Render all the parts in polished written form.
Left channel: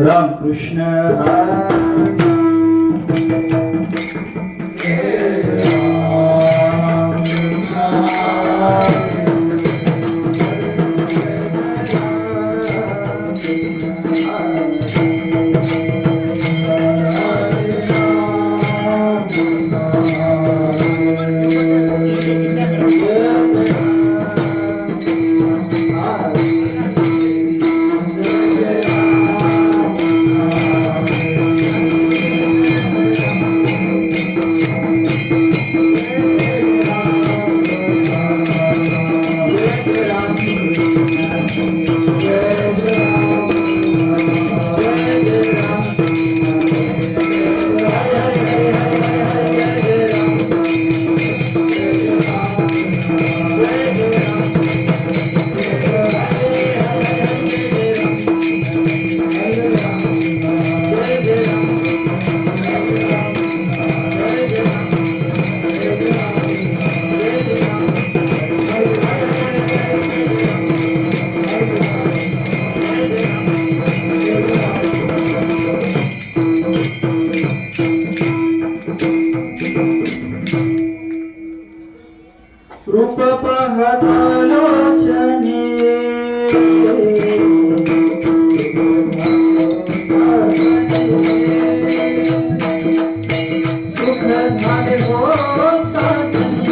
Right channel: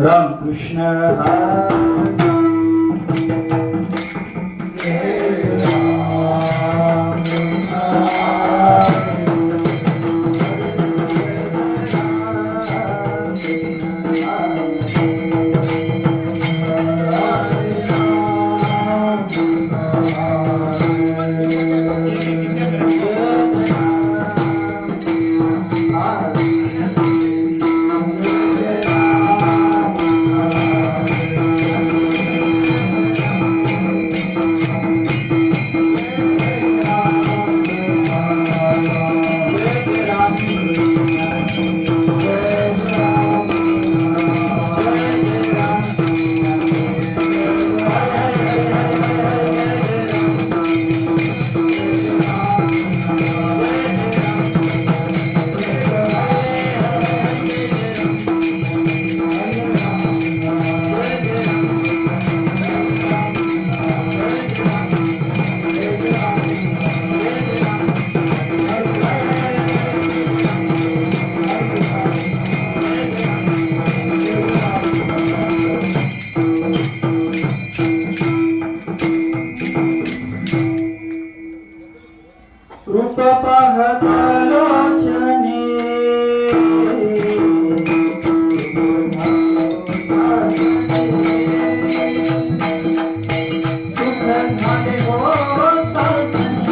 राम कृष्ण रूप पाहतालो क्षणी सुख झाले हो साधने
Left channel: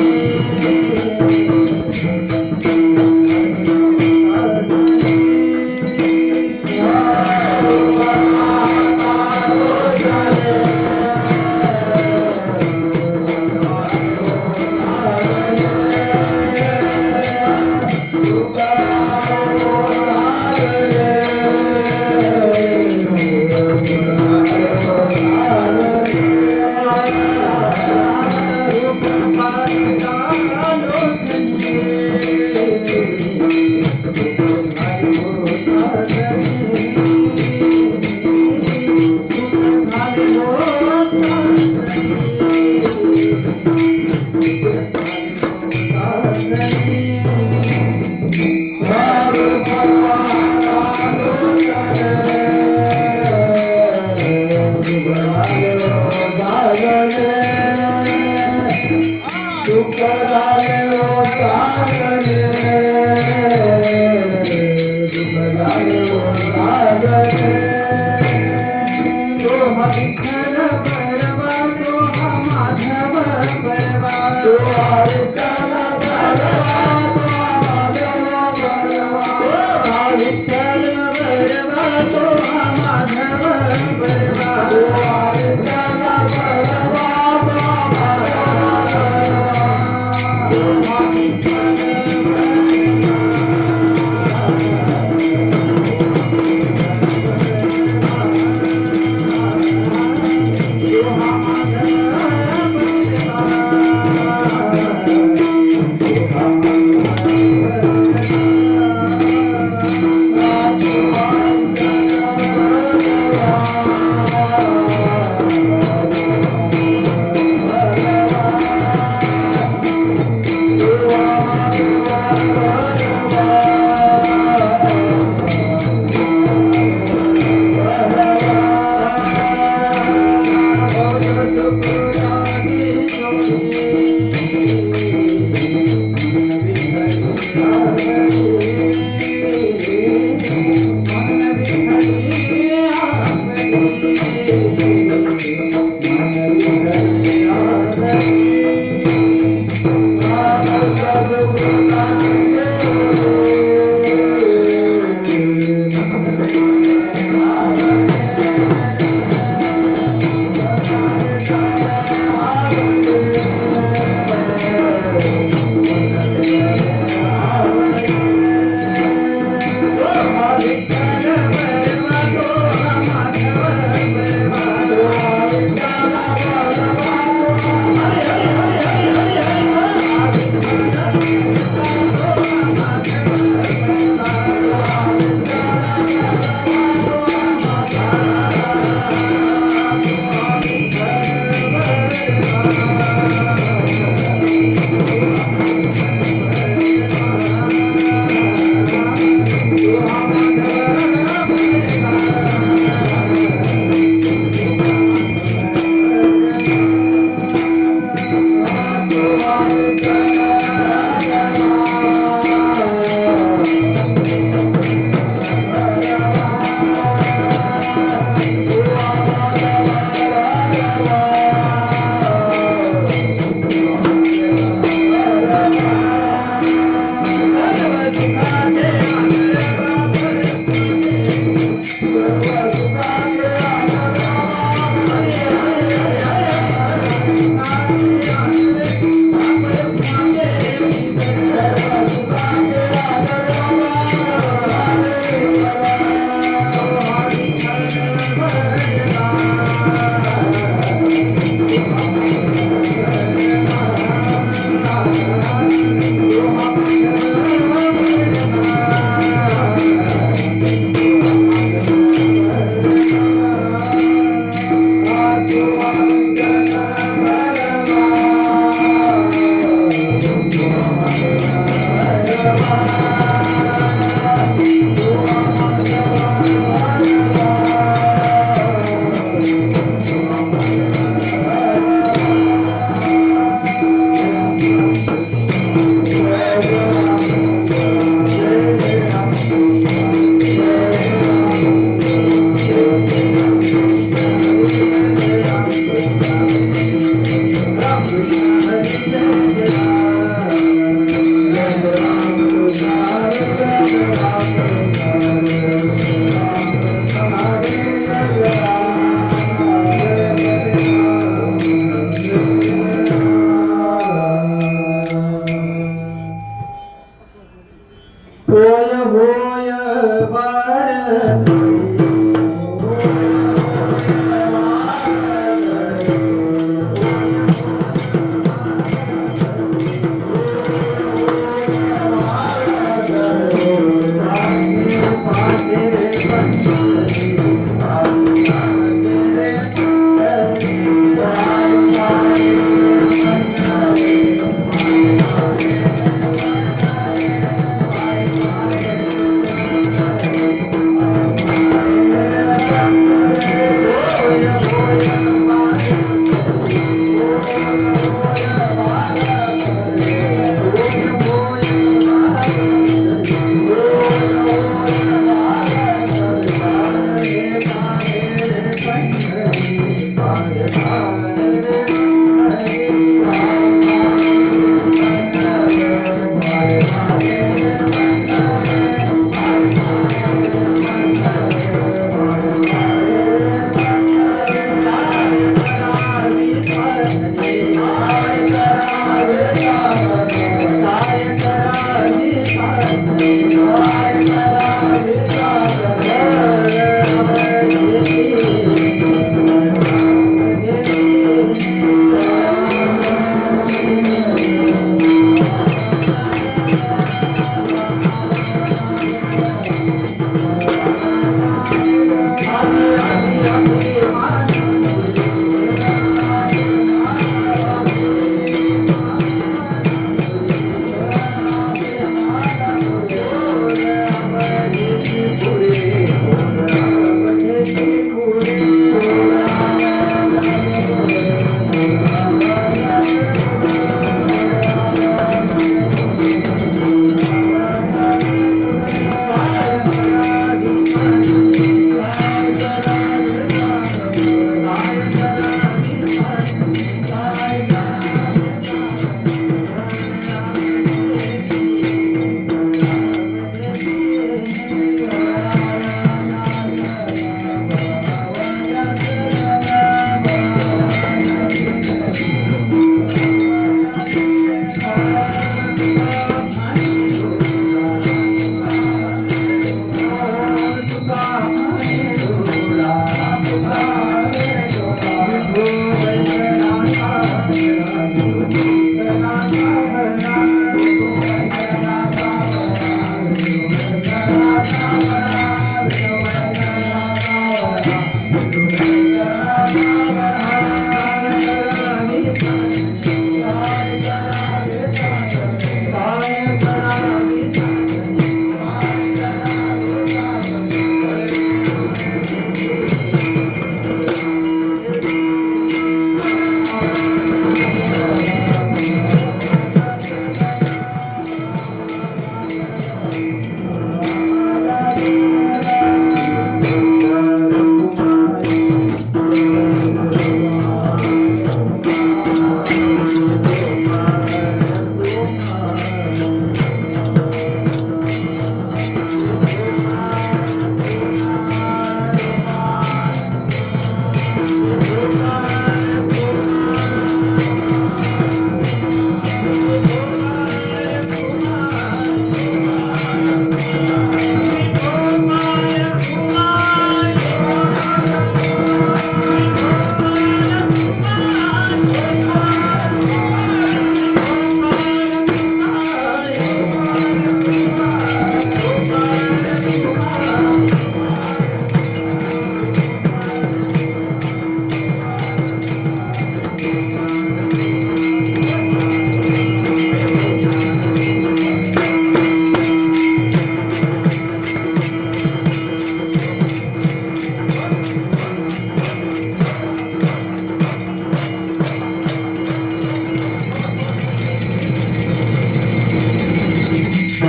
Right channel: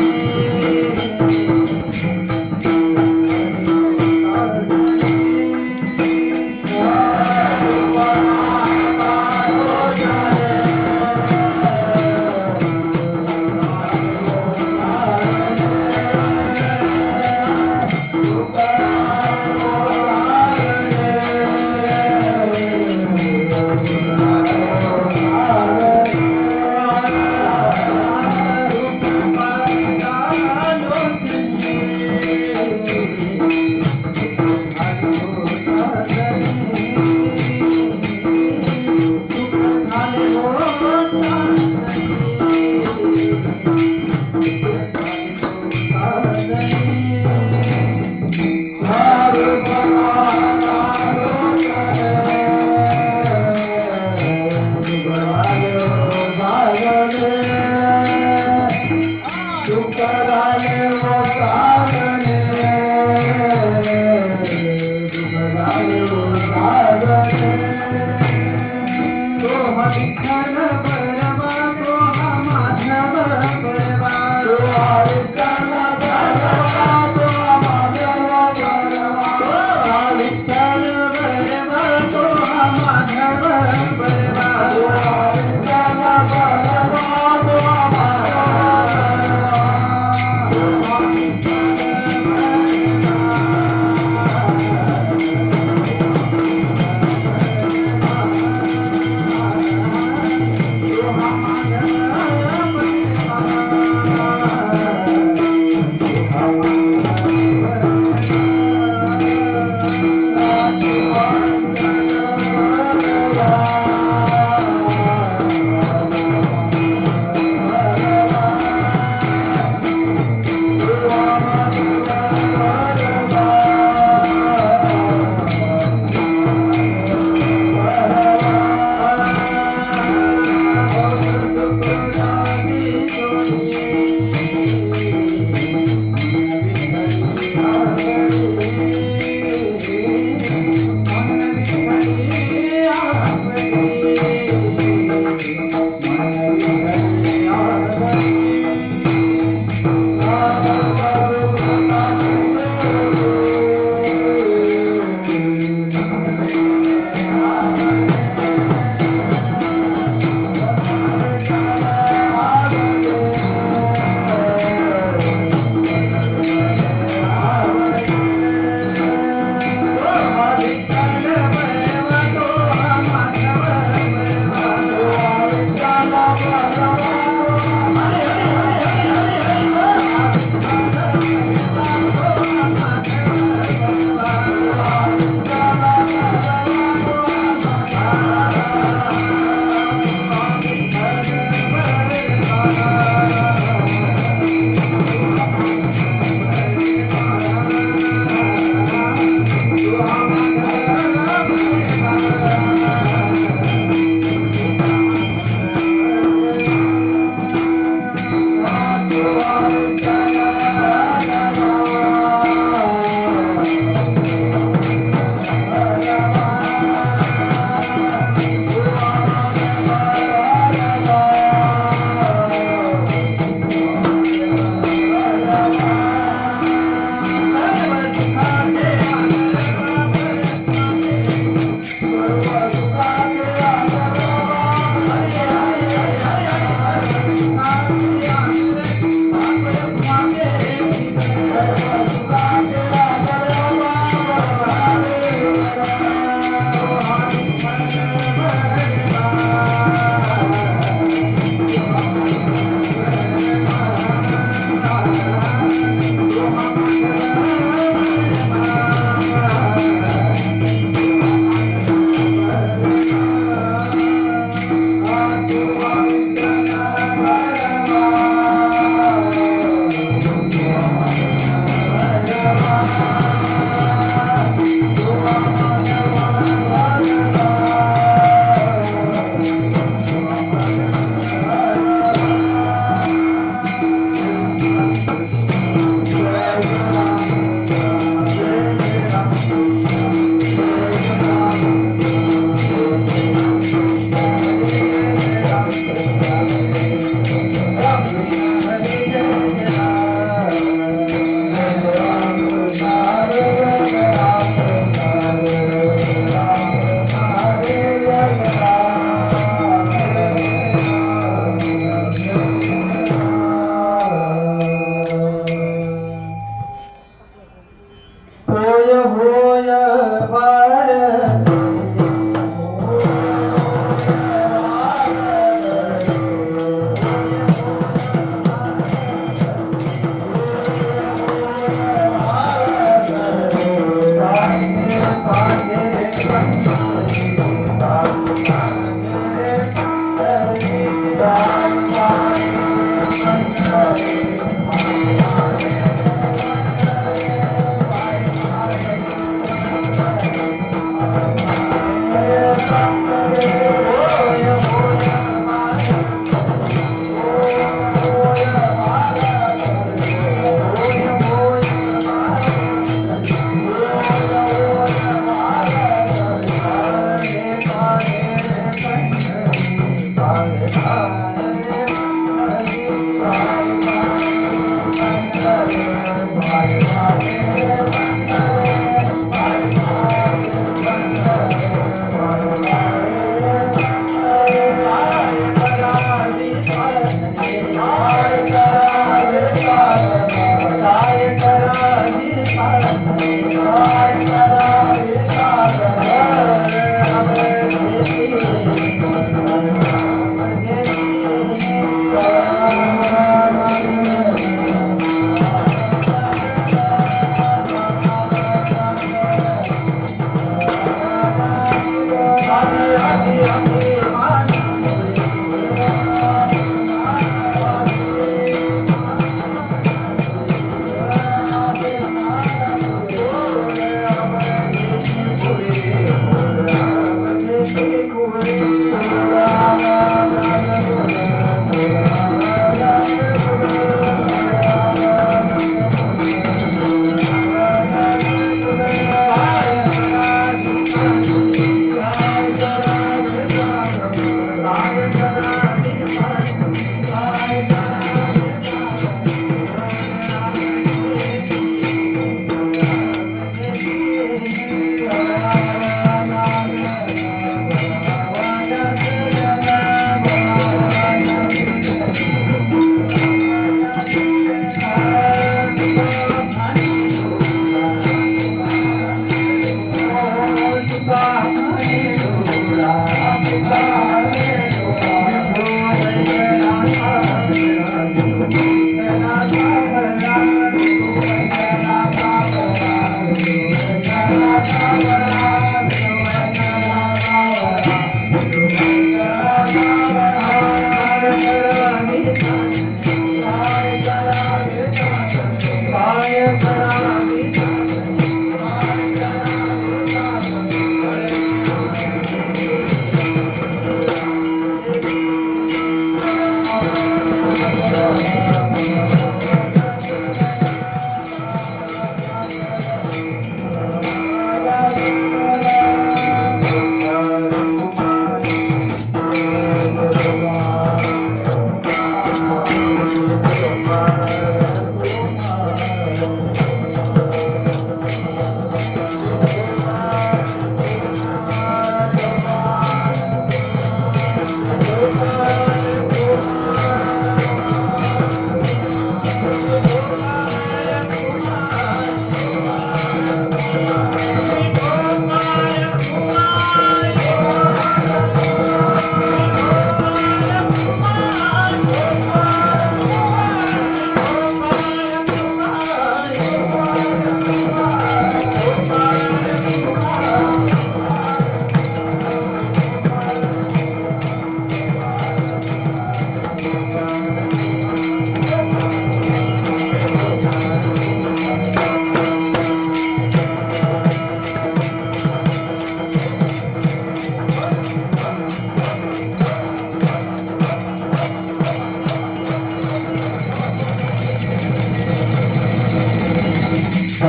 जो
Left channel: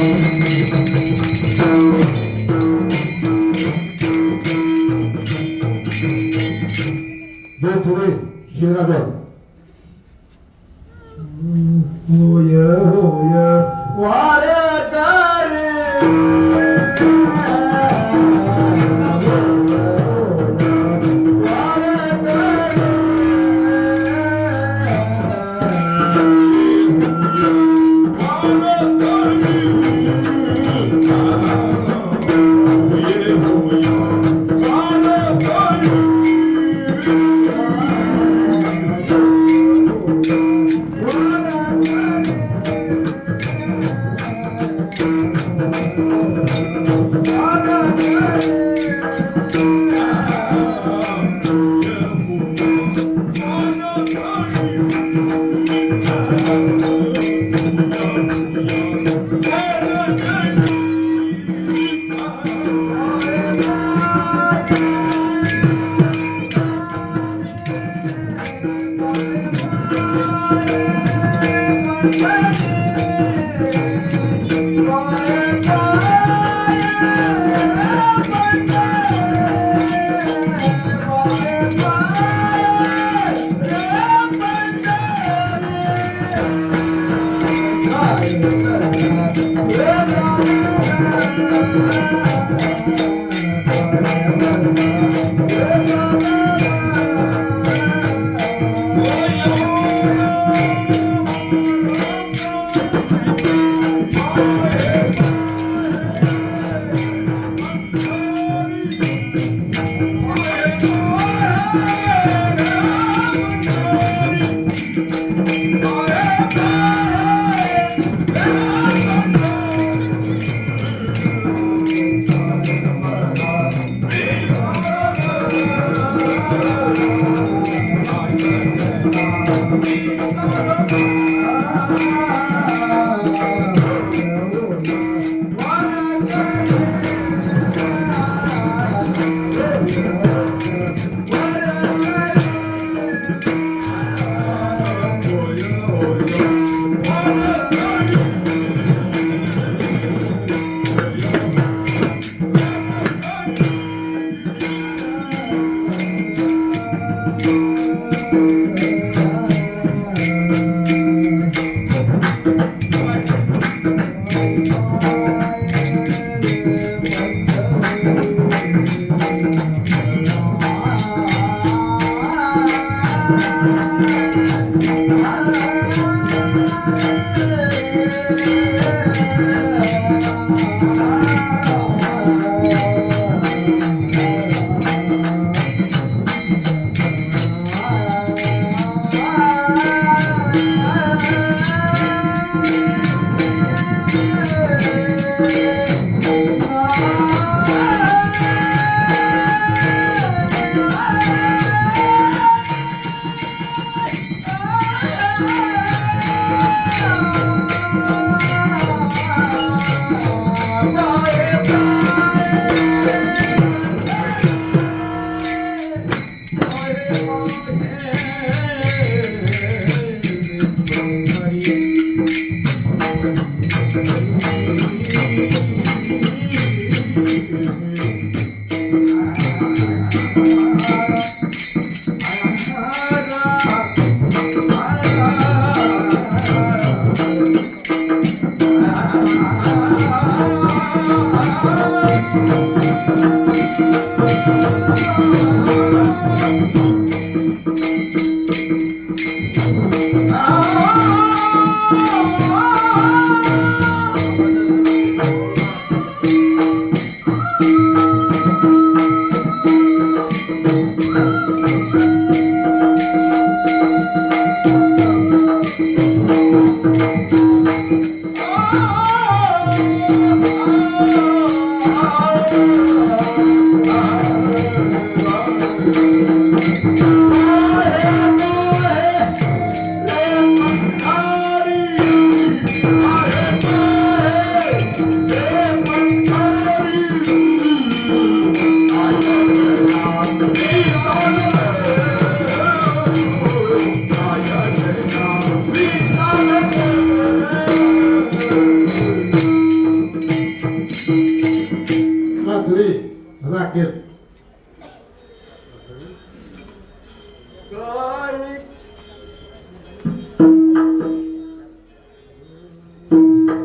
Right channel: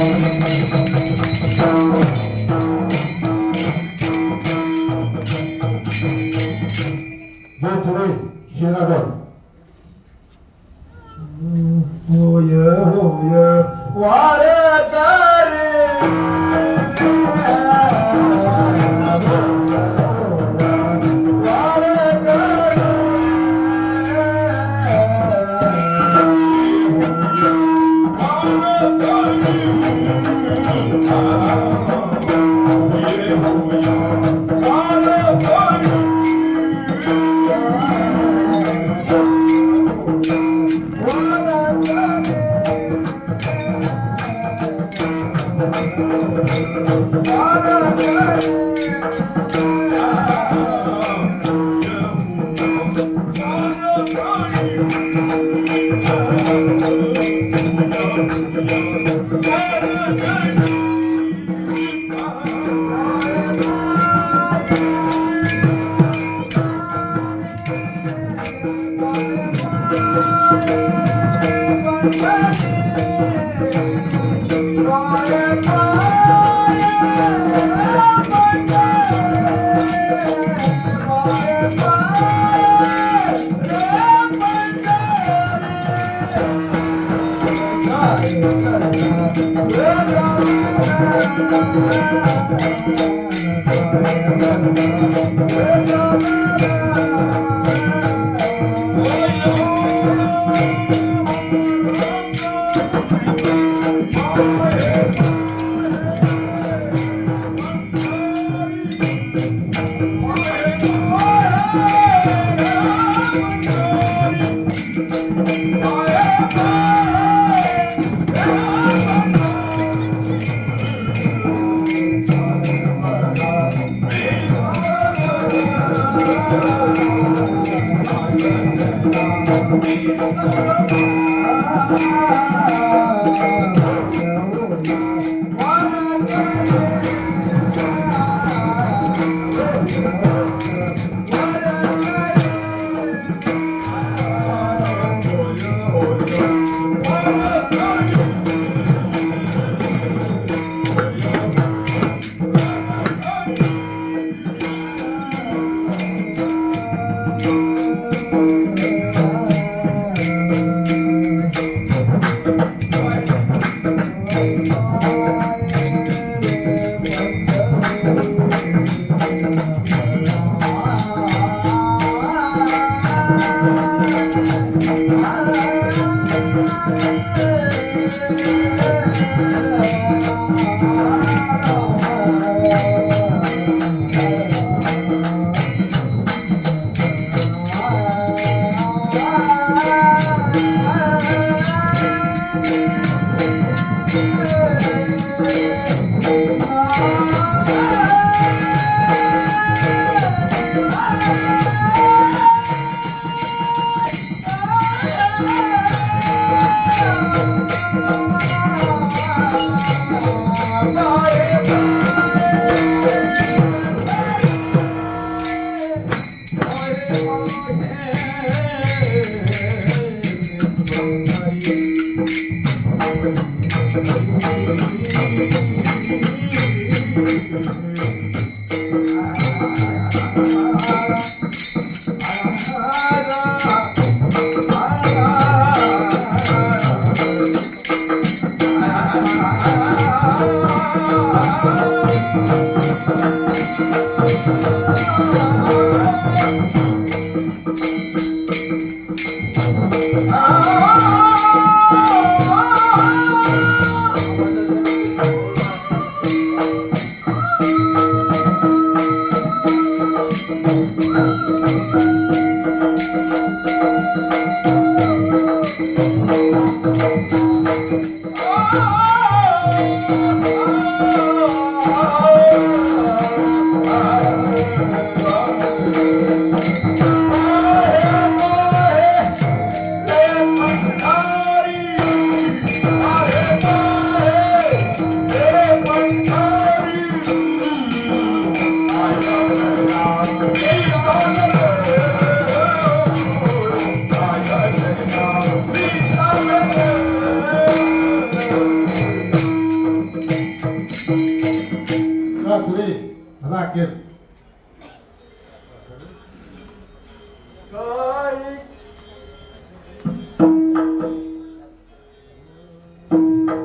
पुढे शिरागड होय होय वारकरी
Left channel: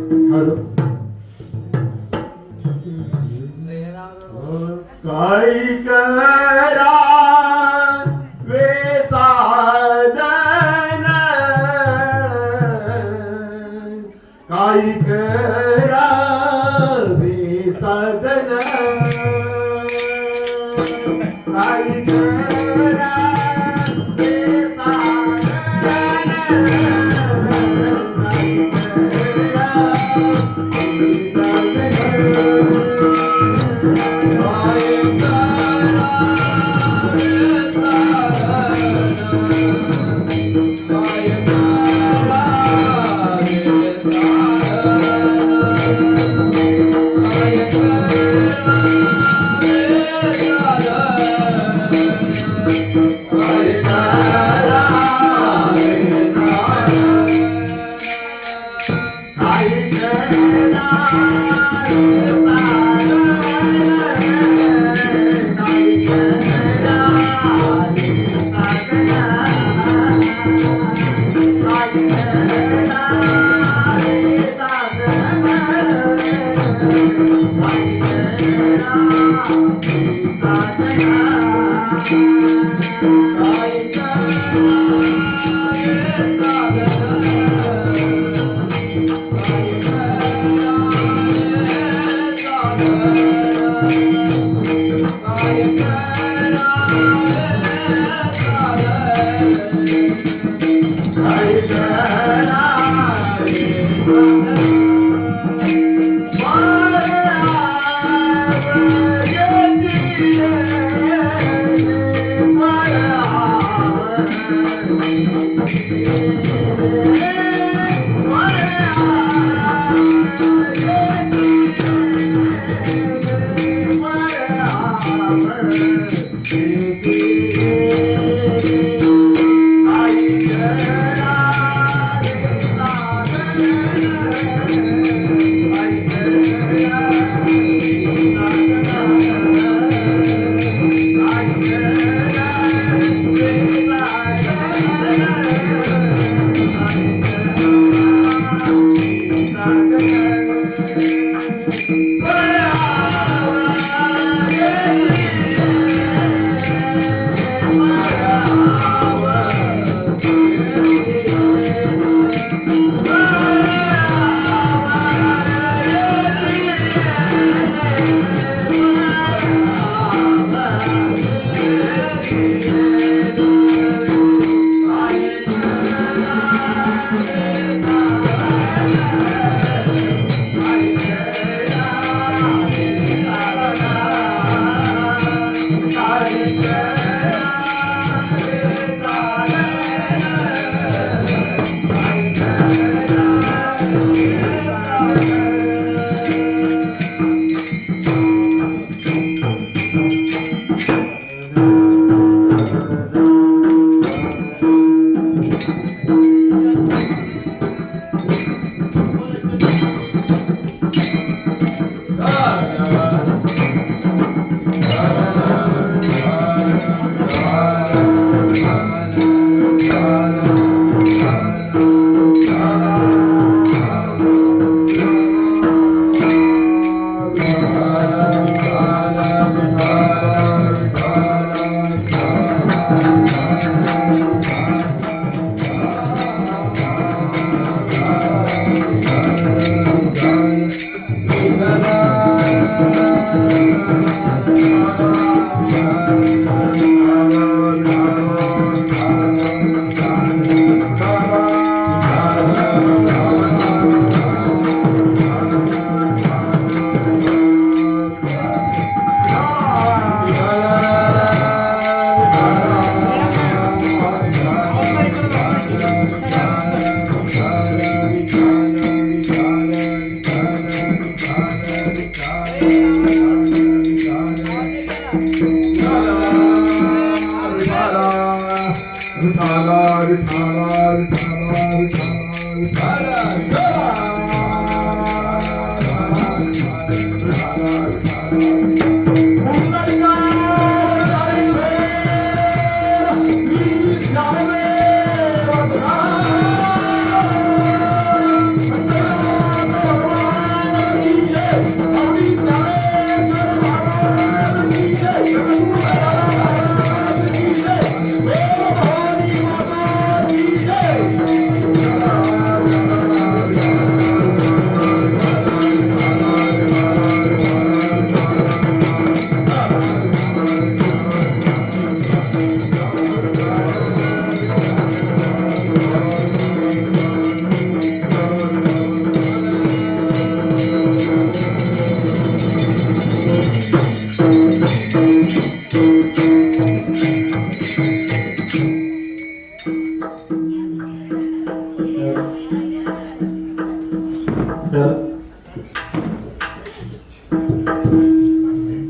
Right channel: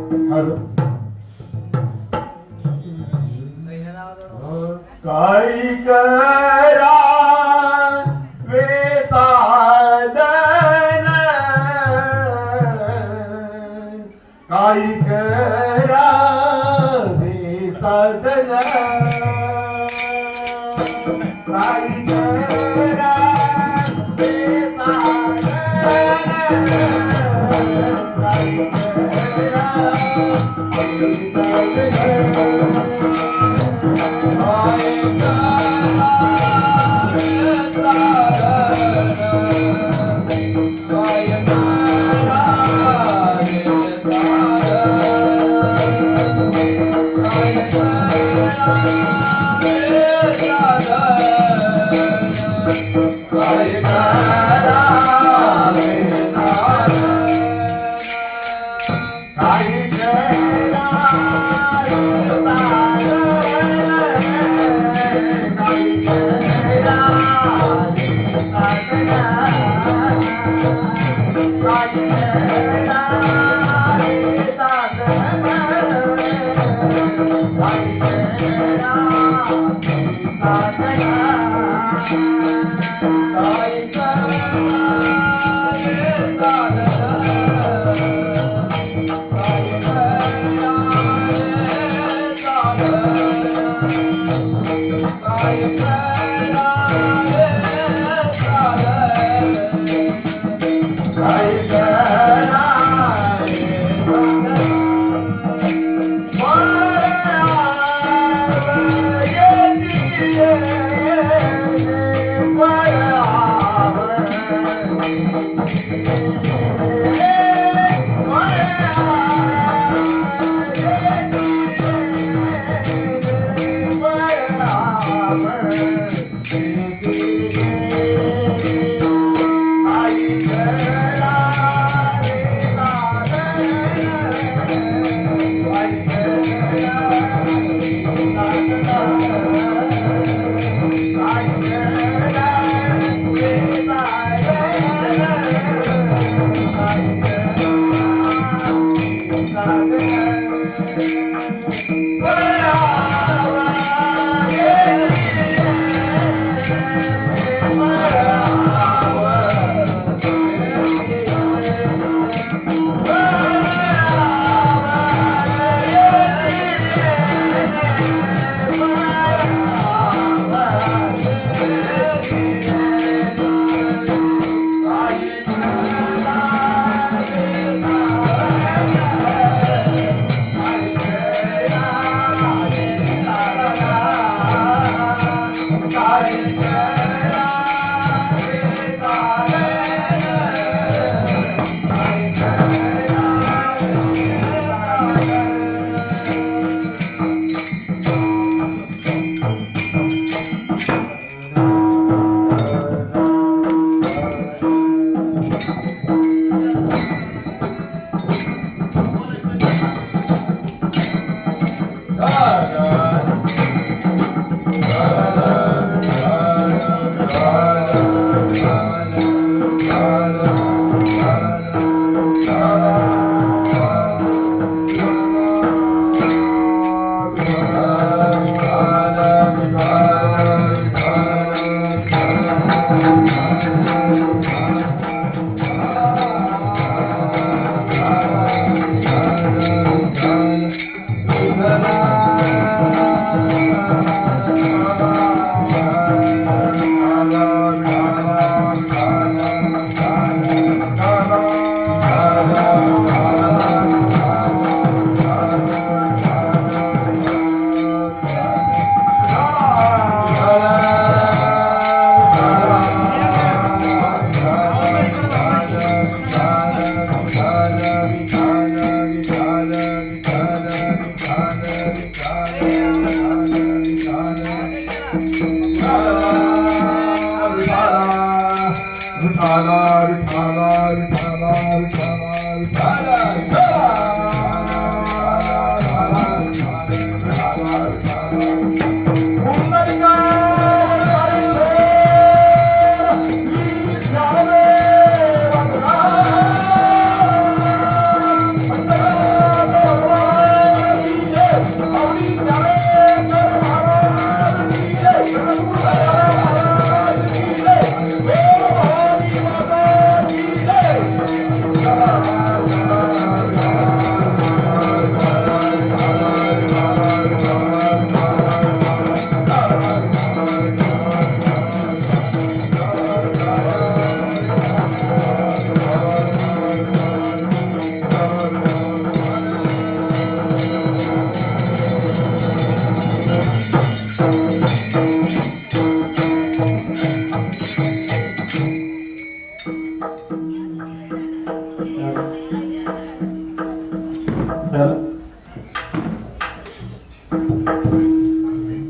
हॅलो काय करा वेचादन काय करा वेचादन काय करा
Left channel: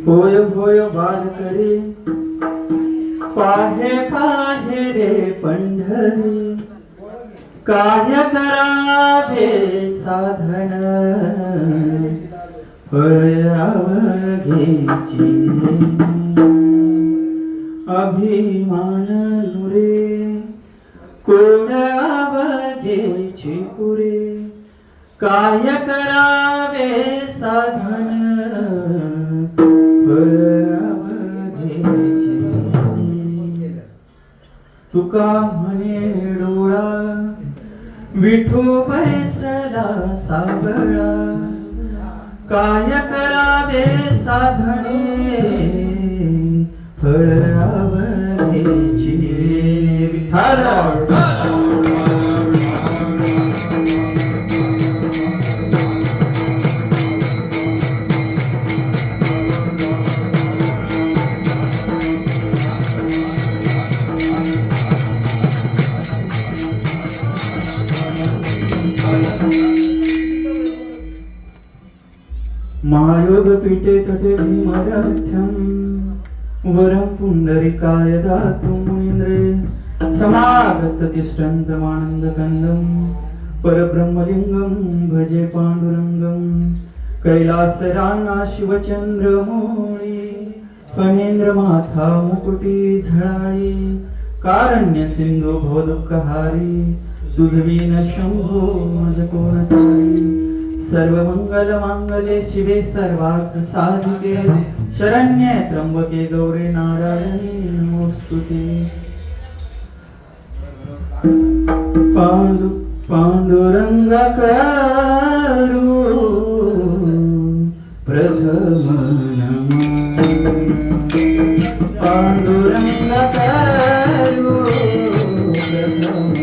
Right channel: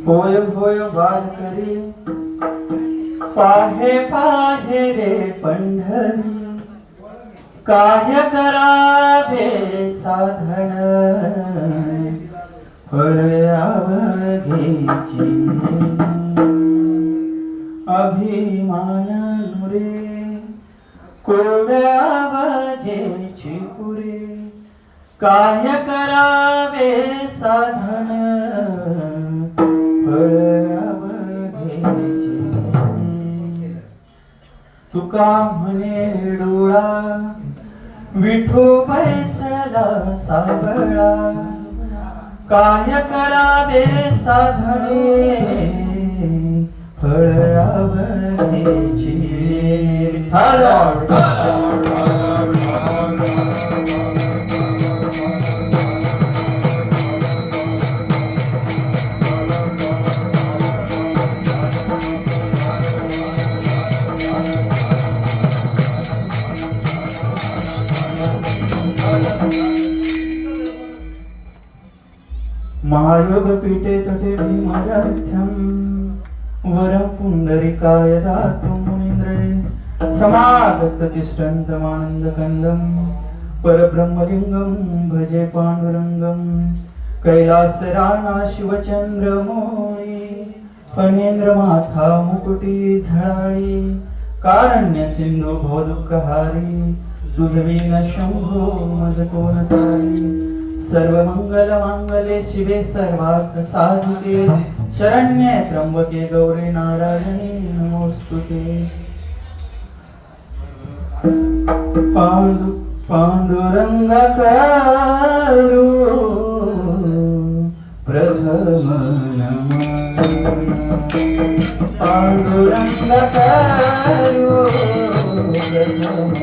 होय होय वारकरी पाहे पाहे रे पंढरी काय करावे साधन फळ अवघेची अभिमान नुरे कोड अवघेची पुरे काय करावे साधन फळ अवघेची तुका म्हणे डोळा विठू बैसला साबळा काय करावे साधने फळ अवघेची महायोग पीठे तटे भीमरथ्यम वरं पुंडरीकाय दातुं मुनीन्द्रे समागत तिष्ठन्तमानन्दकन्दं परब्रह्मलिङ्गं भजे पाण्डुरङ्गं कैलासराणा शिवचन्द्रमौळी फणेन्द्रमाथा मुकुटी झळाळी कारण्य सिंधू भवदुःखहारी तुझवीन शंभो मज कोण तारी सर्व मंगल मांगल्ये शिवे सर्वार्थ साधिके शरण्ये त्र्यंबके गौरी नारायणी नमोस्तुते पांडुरंग करू प्रथम नमः पांडुरंग करू प्रथम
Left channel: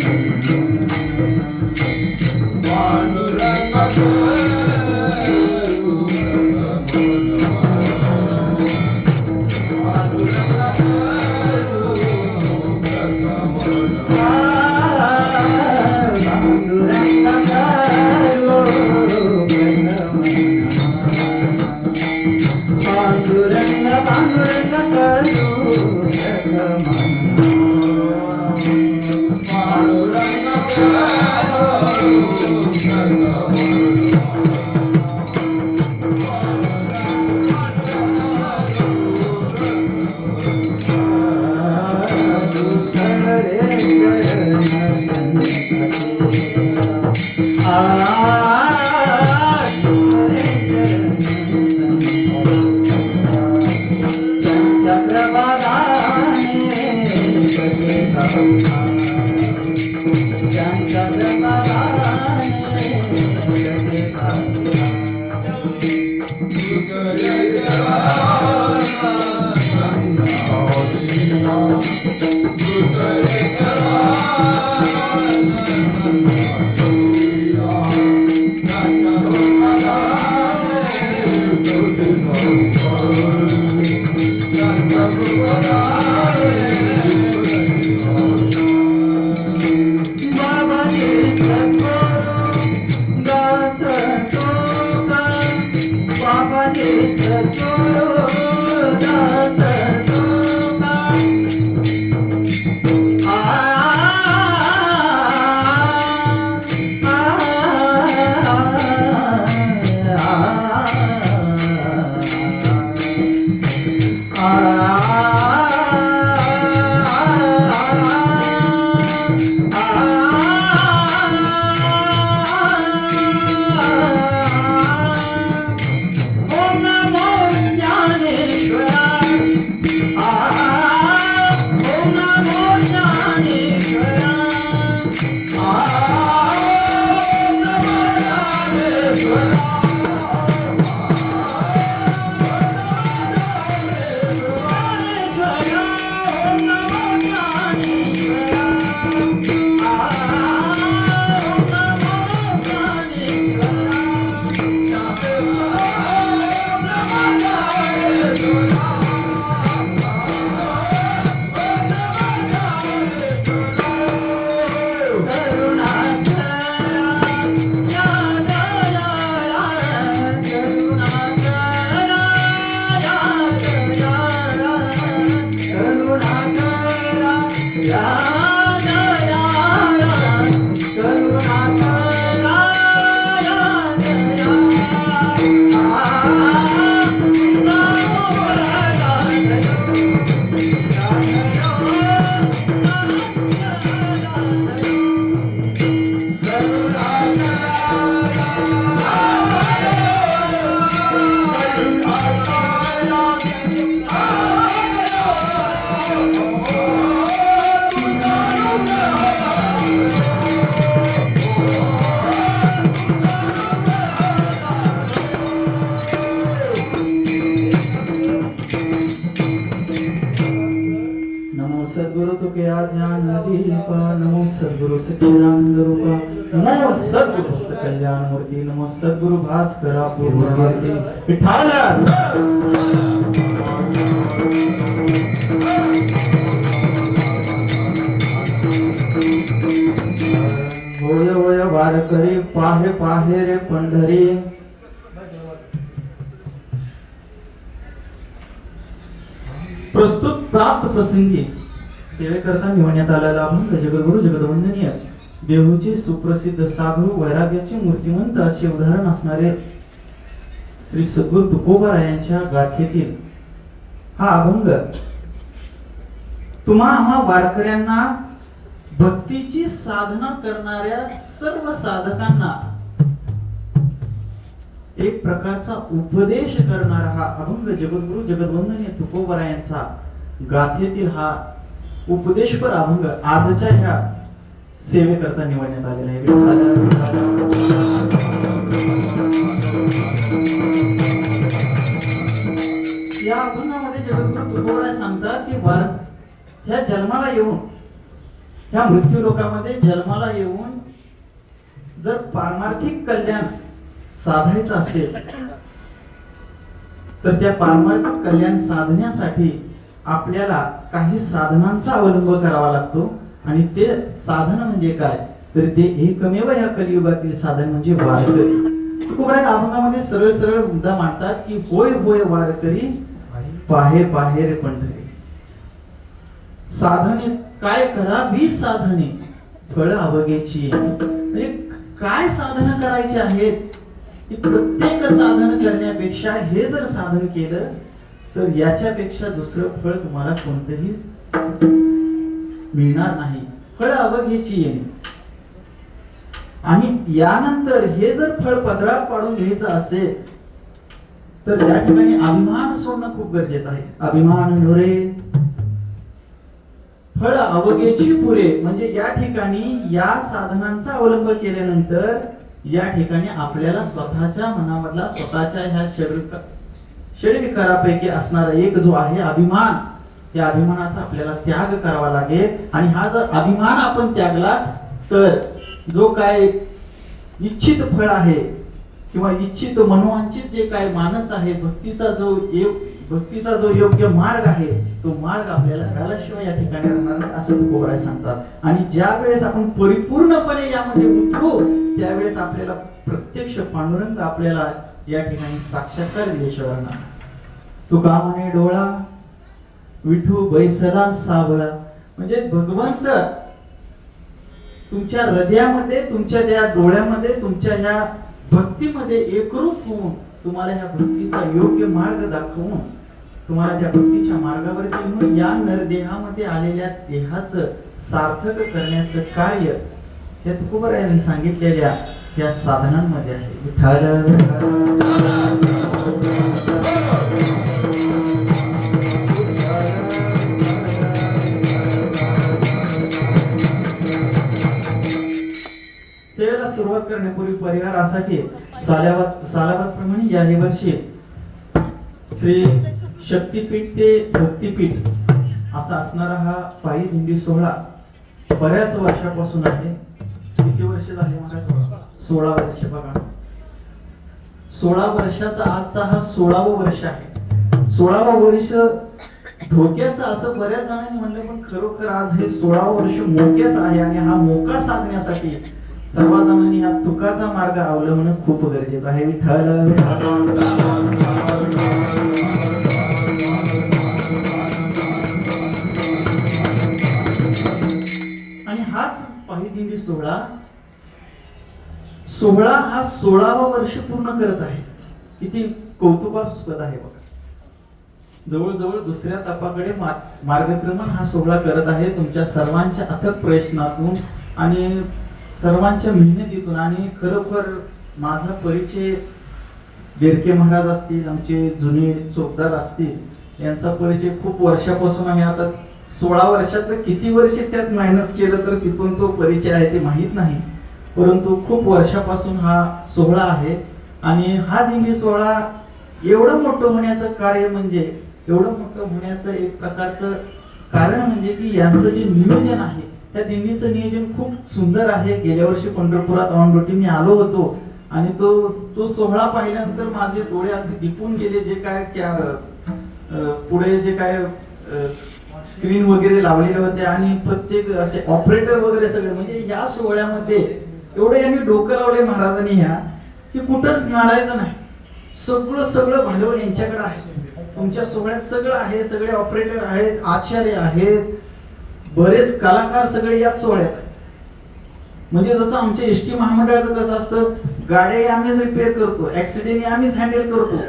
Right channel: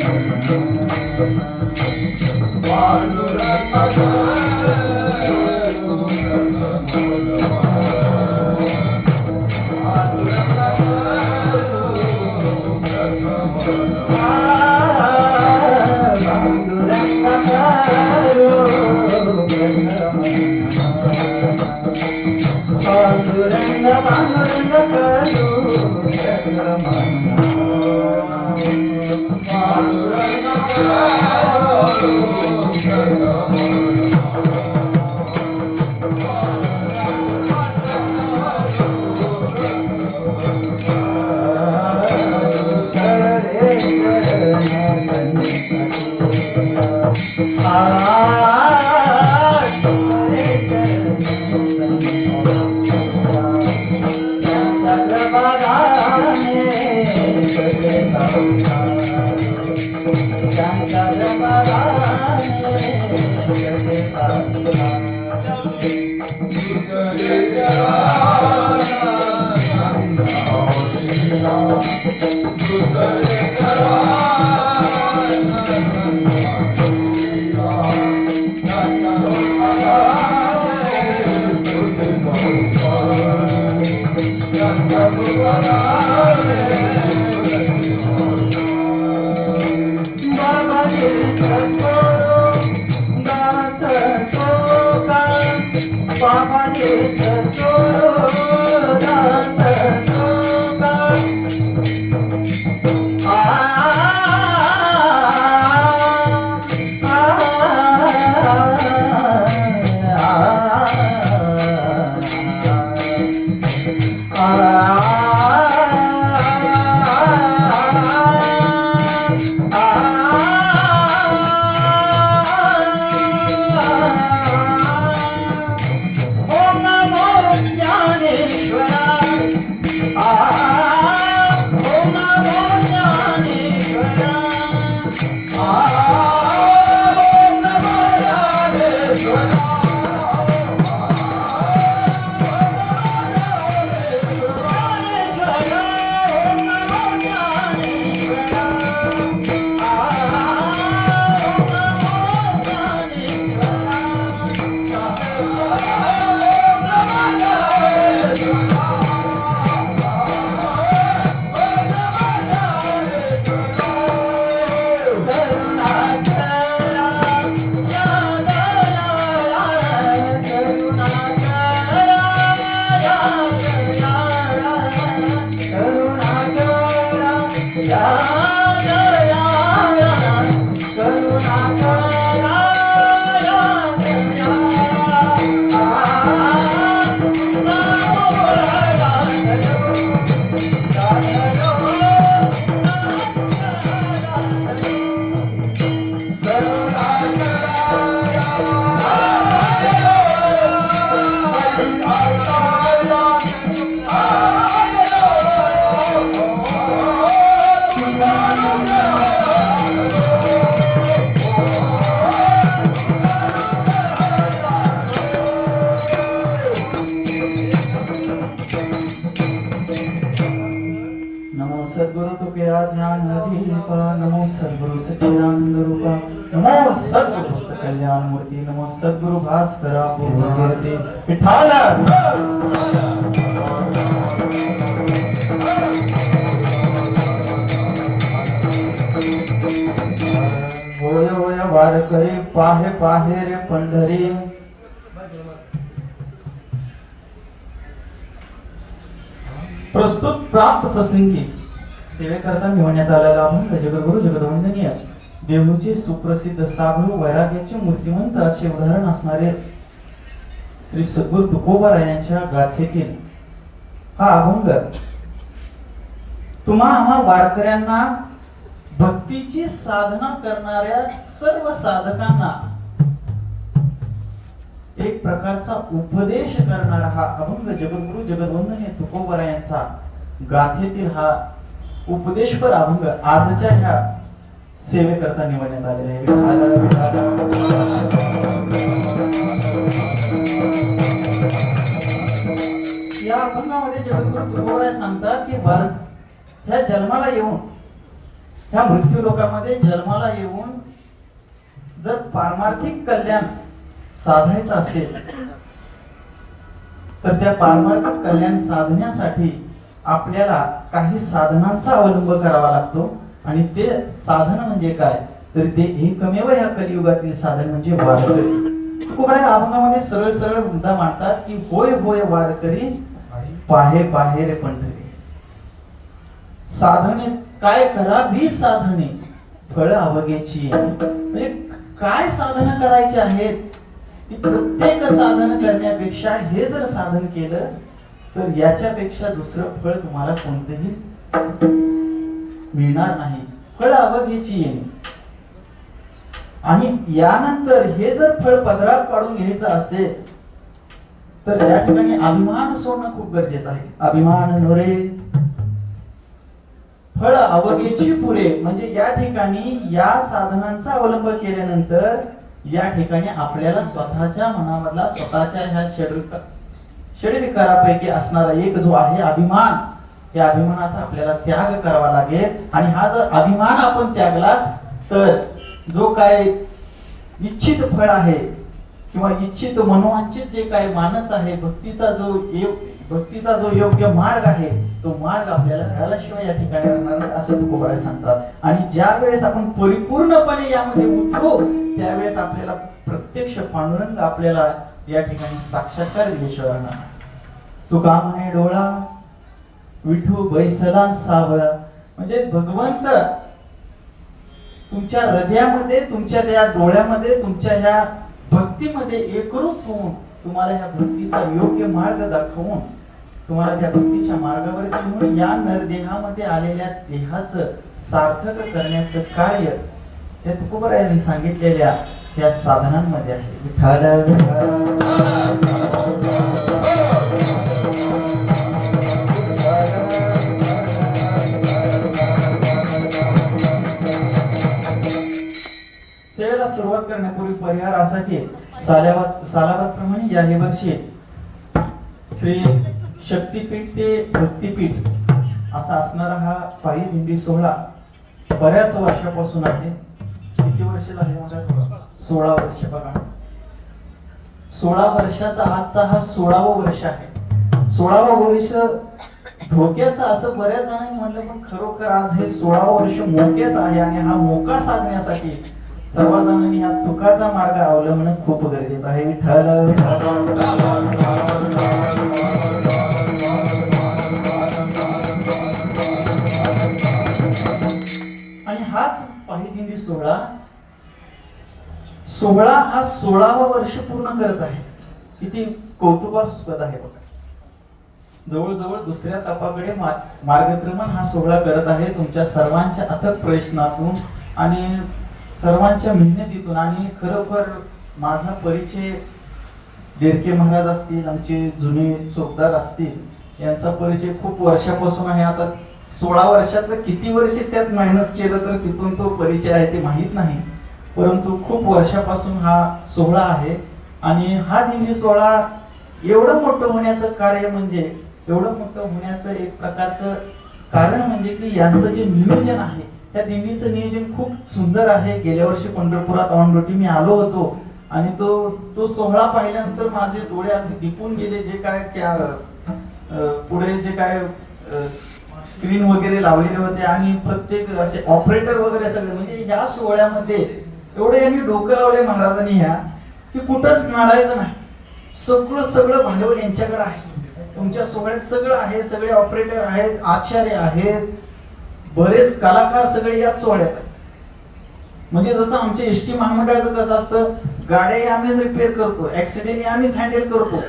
सच्चिदानंद रूपा नमो सद्गुरु कल्याण मूर्ती नमो सद्गुरु भास्करा पूर्णकीर्ती विठाला होय होय वारकरी पाहे पाहे रे पंढरी प्रस्तुत प्राप्त प्रसंगी सेवेकरता निवडण्यात आलेला अभंग जगद्गुरु जगदवंदनीय देहूचे सुप्रसिद्ध साधू वैराग्याचे मूर्तिमंत असे उदाहरण असणारे श्री सद्गुरु तुकोबारायांच्या गाथेतील हा अभंग तुम्हा आम्हा वारकऱ्यांना भक्तीची साधना करणाऱ्या सर्व साधकांना एक प्रकारचा उपदेश करणारा हा अभंग जगद्गुरु जगदवंदनीय तुकोबारायांचा गाथेतील हा उपदेशपर अभंग आजच्या ह्या सेवेकरता निवडण्यात आलेला आहे. या अभंगामध्ये जगद्गुरु तुकोबाराय सांगतात की ह्या जन्माला येऊन ह्या मृत्यू लोकांमध्ये जन्माला येऊन जर पारमार्थिक कल्याण साधायचं असेल तर त्या पारमार्थिक कल्याण साधण्यासाठी आपल्याला काही साधनांचा अवलंब करावा लागतो आणि ते साधन म्हणजे काय तर ते एकमेव या कलियुगातील साधन म्हणजे वारकरी. तुकोबाराय अभंगामध्ये सरळ सरळ मुद्दा मांडतात की होय होय वारकरी पाहे पाहे रे पंढरी. साधने काय करावी साधने फळ अवघेची म्हणजे काय साधन करायची आहेत की प्रत्येक साधन करण्यापेक्षा हे जर साधन केलं तर याच्यापेक्षा दुसरं फळ तुम्हाला कोणतेही मिळणार नाही. फळ अवघेची आणि यानंतर हे जर फळ पदरात पाडून घ्यायचं असेल तर त्या ठिकाणी अभिमान सोडणं खूप गरजेचं आहे. अभिमान नोरे फळ अवघेची पुरे म्हणजे या ठिकाणी या साधनांचा अवलंब केल्यानंतर या ठिकाणी आपल्याला स्वतःच्या मनामधला स्वतःच्या ह्या षडविकारापैकी असणारा एक जो आहे अभिमान, या अभिमानाचा आपल्याला त्याग करावा लागेल. आणि हा जर अभिमान आपण त्यागला तर जो काय इच्छित फळ आहे किंवा इच्छित मनोवांछित जे काय मानस आहे भक्तीचा जो योग्य मार्ग आहे तो मार्ग आपल्याला मिळाल्याशिवाय या ठिकाणी राहणार नाही असं तुकोबाराय सांगतात. आणि ज्या वेळेस आपण परिपूर्णपणे यामध्ये उतरू त्यावेळेस आपल्याला प्रत्यक्ष पांडुरंग आपल्याला या ठिकाणी साक्षात्कार दिल्याशिवाय राहणार. तुका म्हणे डोळा विठू बैसला सावळा म्हणजे भगवंत तुमच्या हृदयामध्ये तुमच्या त्या डोळ्यामध्ये तुमच्या ह्या भक्तीमध्ये एकरूप होऊन तुम्हाला ह्या भक्तीचा योग्य मार्ग दाखवून तुम्हाला त्या भक्तीच्या मार्गावर घेऊन या नरदेहामध्ये आलेल्या देहाचं सार्थक करण्याचं कार्य या तुकोबारायांनी सांगितलेल्या या साधनांमध्ये आहे. सेवेला सुरुवात करण्यापूर्वी परिहार असा की सालाबादप्रमाणे याही वर्षी श्री शक्तीपीठ ते भक्तीपीठ असा असणारा हा पायी दिंडी सोहळा बऱ्याच वर्षापासून आहे. किती वर्ष झाली मला 16 वर्ष बघा. 16 वर्षाचा आजचा हा 16वं वर्ष आहे. 16वं वर्ष धोक्याचं असं बऱ्याच जणांनी म्हणलं पण खरोखर आज हे 16वं वर्ष मोकेच आहे आणि हा मोका साधण्यासाठी सर्वजणांनी ह्या तुकाचा मार्ग अवलंबणं खूप गरजेचं आहे. आणि हाच पायी सोहळा हा 16वं वर्ष पूर्ण करत आहे. किती कौतुकास्पद आहे बघा. जवळजवळ दुसऱ्या तपाकडे मार्गक्रमण हा सोहळा करत आहे तुमच्या सर्वांच्या अथक प्रयत्नातून आणि सर्वांच्या मेहनतीतून. आणि खरोखर माझा परिचय गिरके महाराज असतील, आमचे जुने चोपदार असतील, यांचा परिचय खूप वर्षापासून आहे. आता 16 वर्षातलं किती वर्ष त्यात मायनस केलं तर तिथून तो परिचय आहे ते माहीत नाही, परंतु खूप वर्षापासून हा सोहळा आहे. आणि हा दिंडी सोहळा एवढं मोठं होण्याचं कार्य म्हणजे एवढं मोठं होण्याचं एक प्रकारचं कारण म्हणजे की यांचं जे नियोजन आहे त्या दिंडीचं नियोजन खूप सुंदर आहे. गेल्या वर्षी पंढरपुरात ऑन ड्युटी मी आलो होतो आणि तो सोहळा पाहिल्यानंतर माझे डोळे अगदी दिपून गेले. जे काय पुढे जे काय स्क्रीन वगैरे लावलेले होते आणि प्रत्येक असे ऑपरेटर वगैरे सगळे, म्हणजे या सोहळ्यामध्ये एवढे यांनी डोकं लावले महाराजांनी ह्या की कुठंच नाडायचं नाही. सगळं भांडवल यांच्याकडे आहे. तुमच्या सोहळ्यात सगळं आहे, सगळे ऑपरेटर आहेत, आचार्य आहेत, बरेच कलाकार सगळे याच सोहळ्यात. म्हणजे जसं आमच्या एसटी महामंडळाचं कसं असतं, गाड्याही आम्हीच रिपेअर करतो, ऍक्सिडेंट आम्हीच हँडल करतो,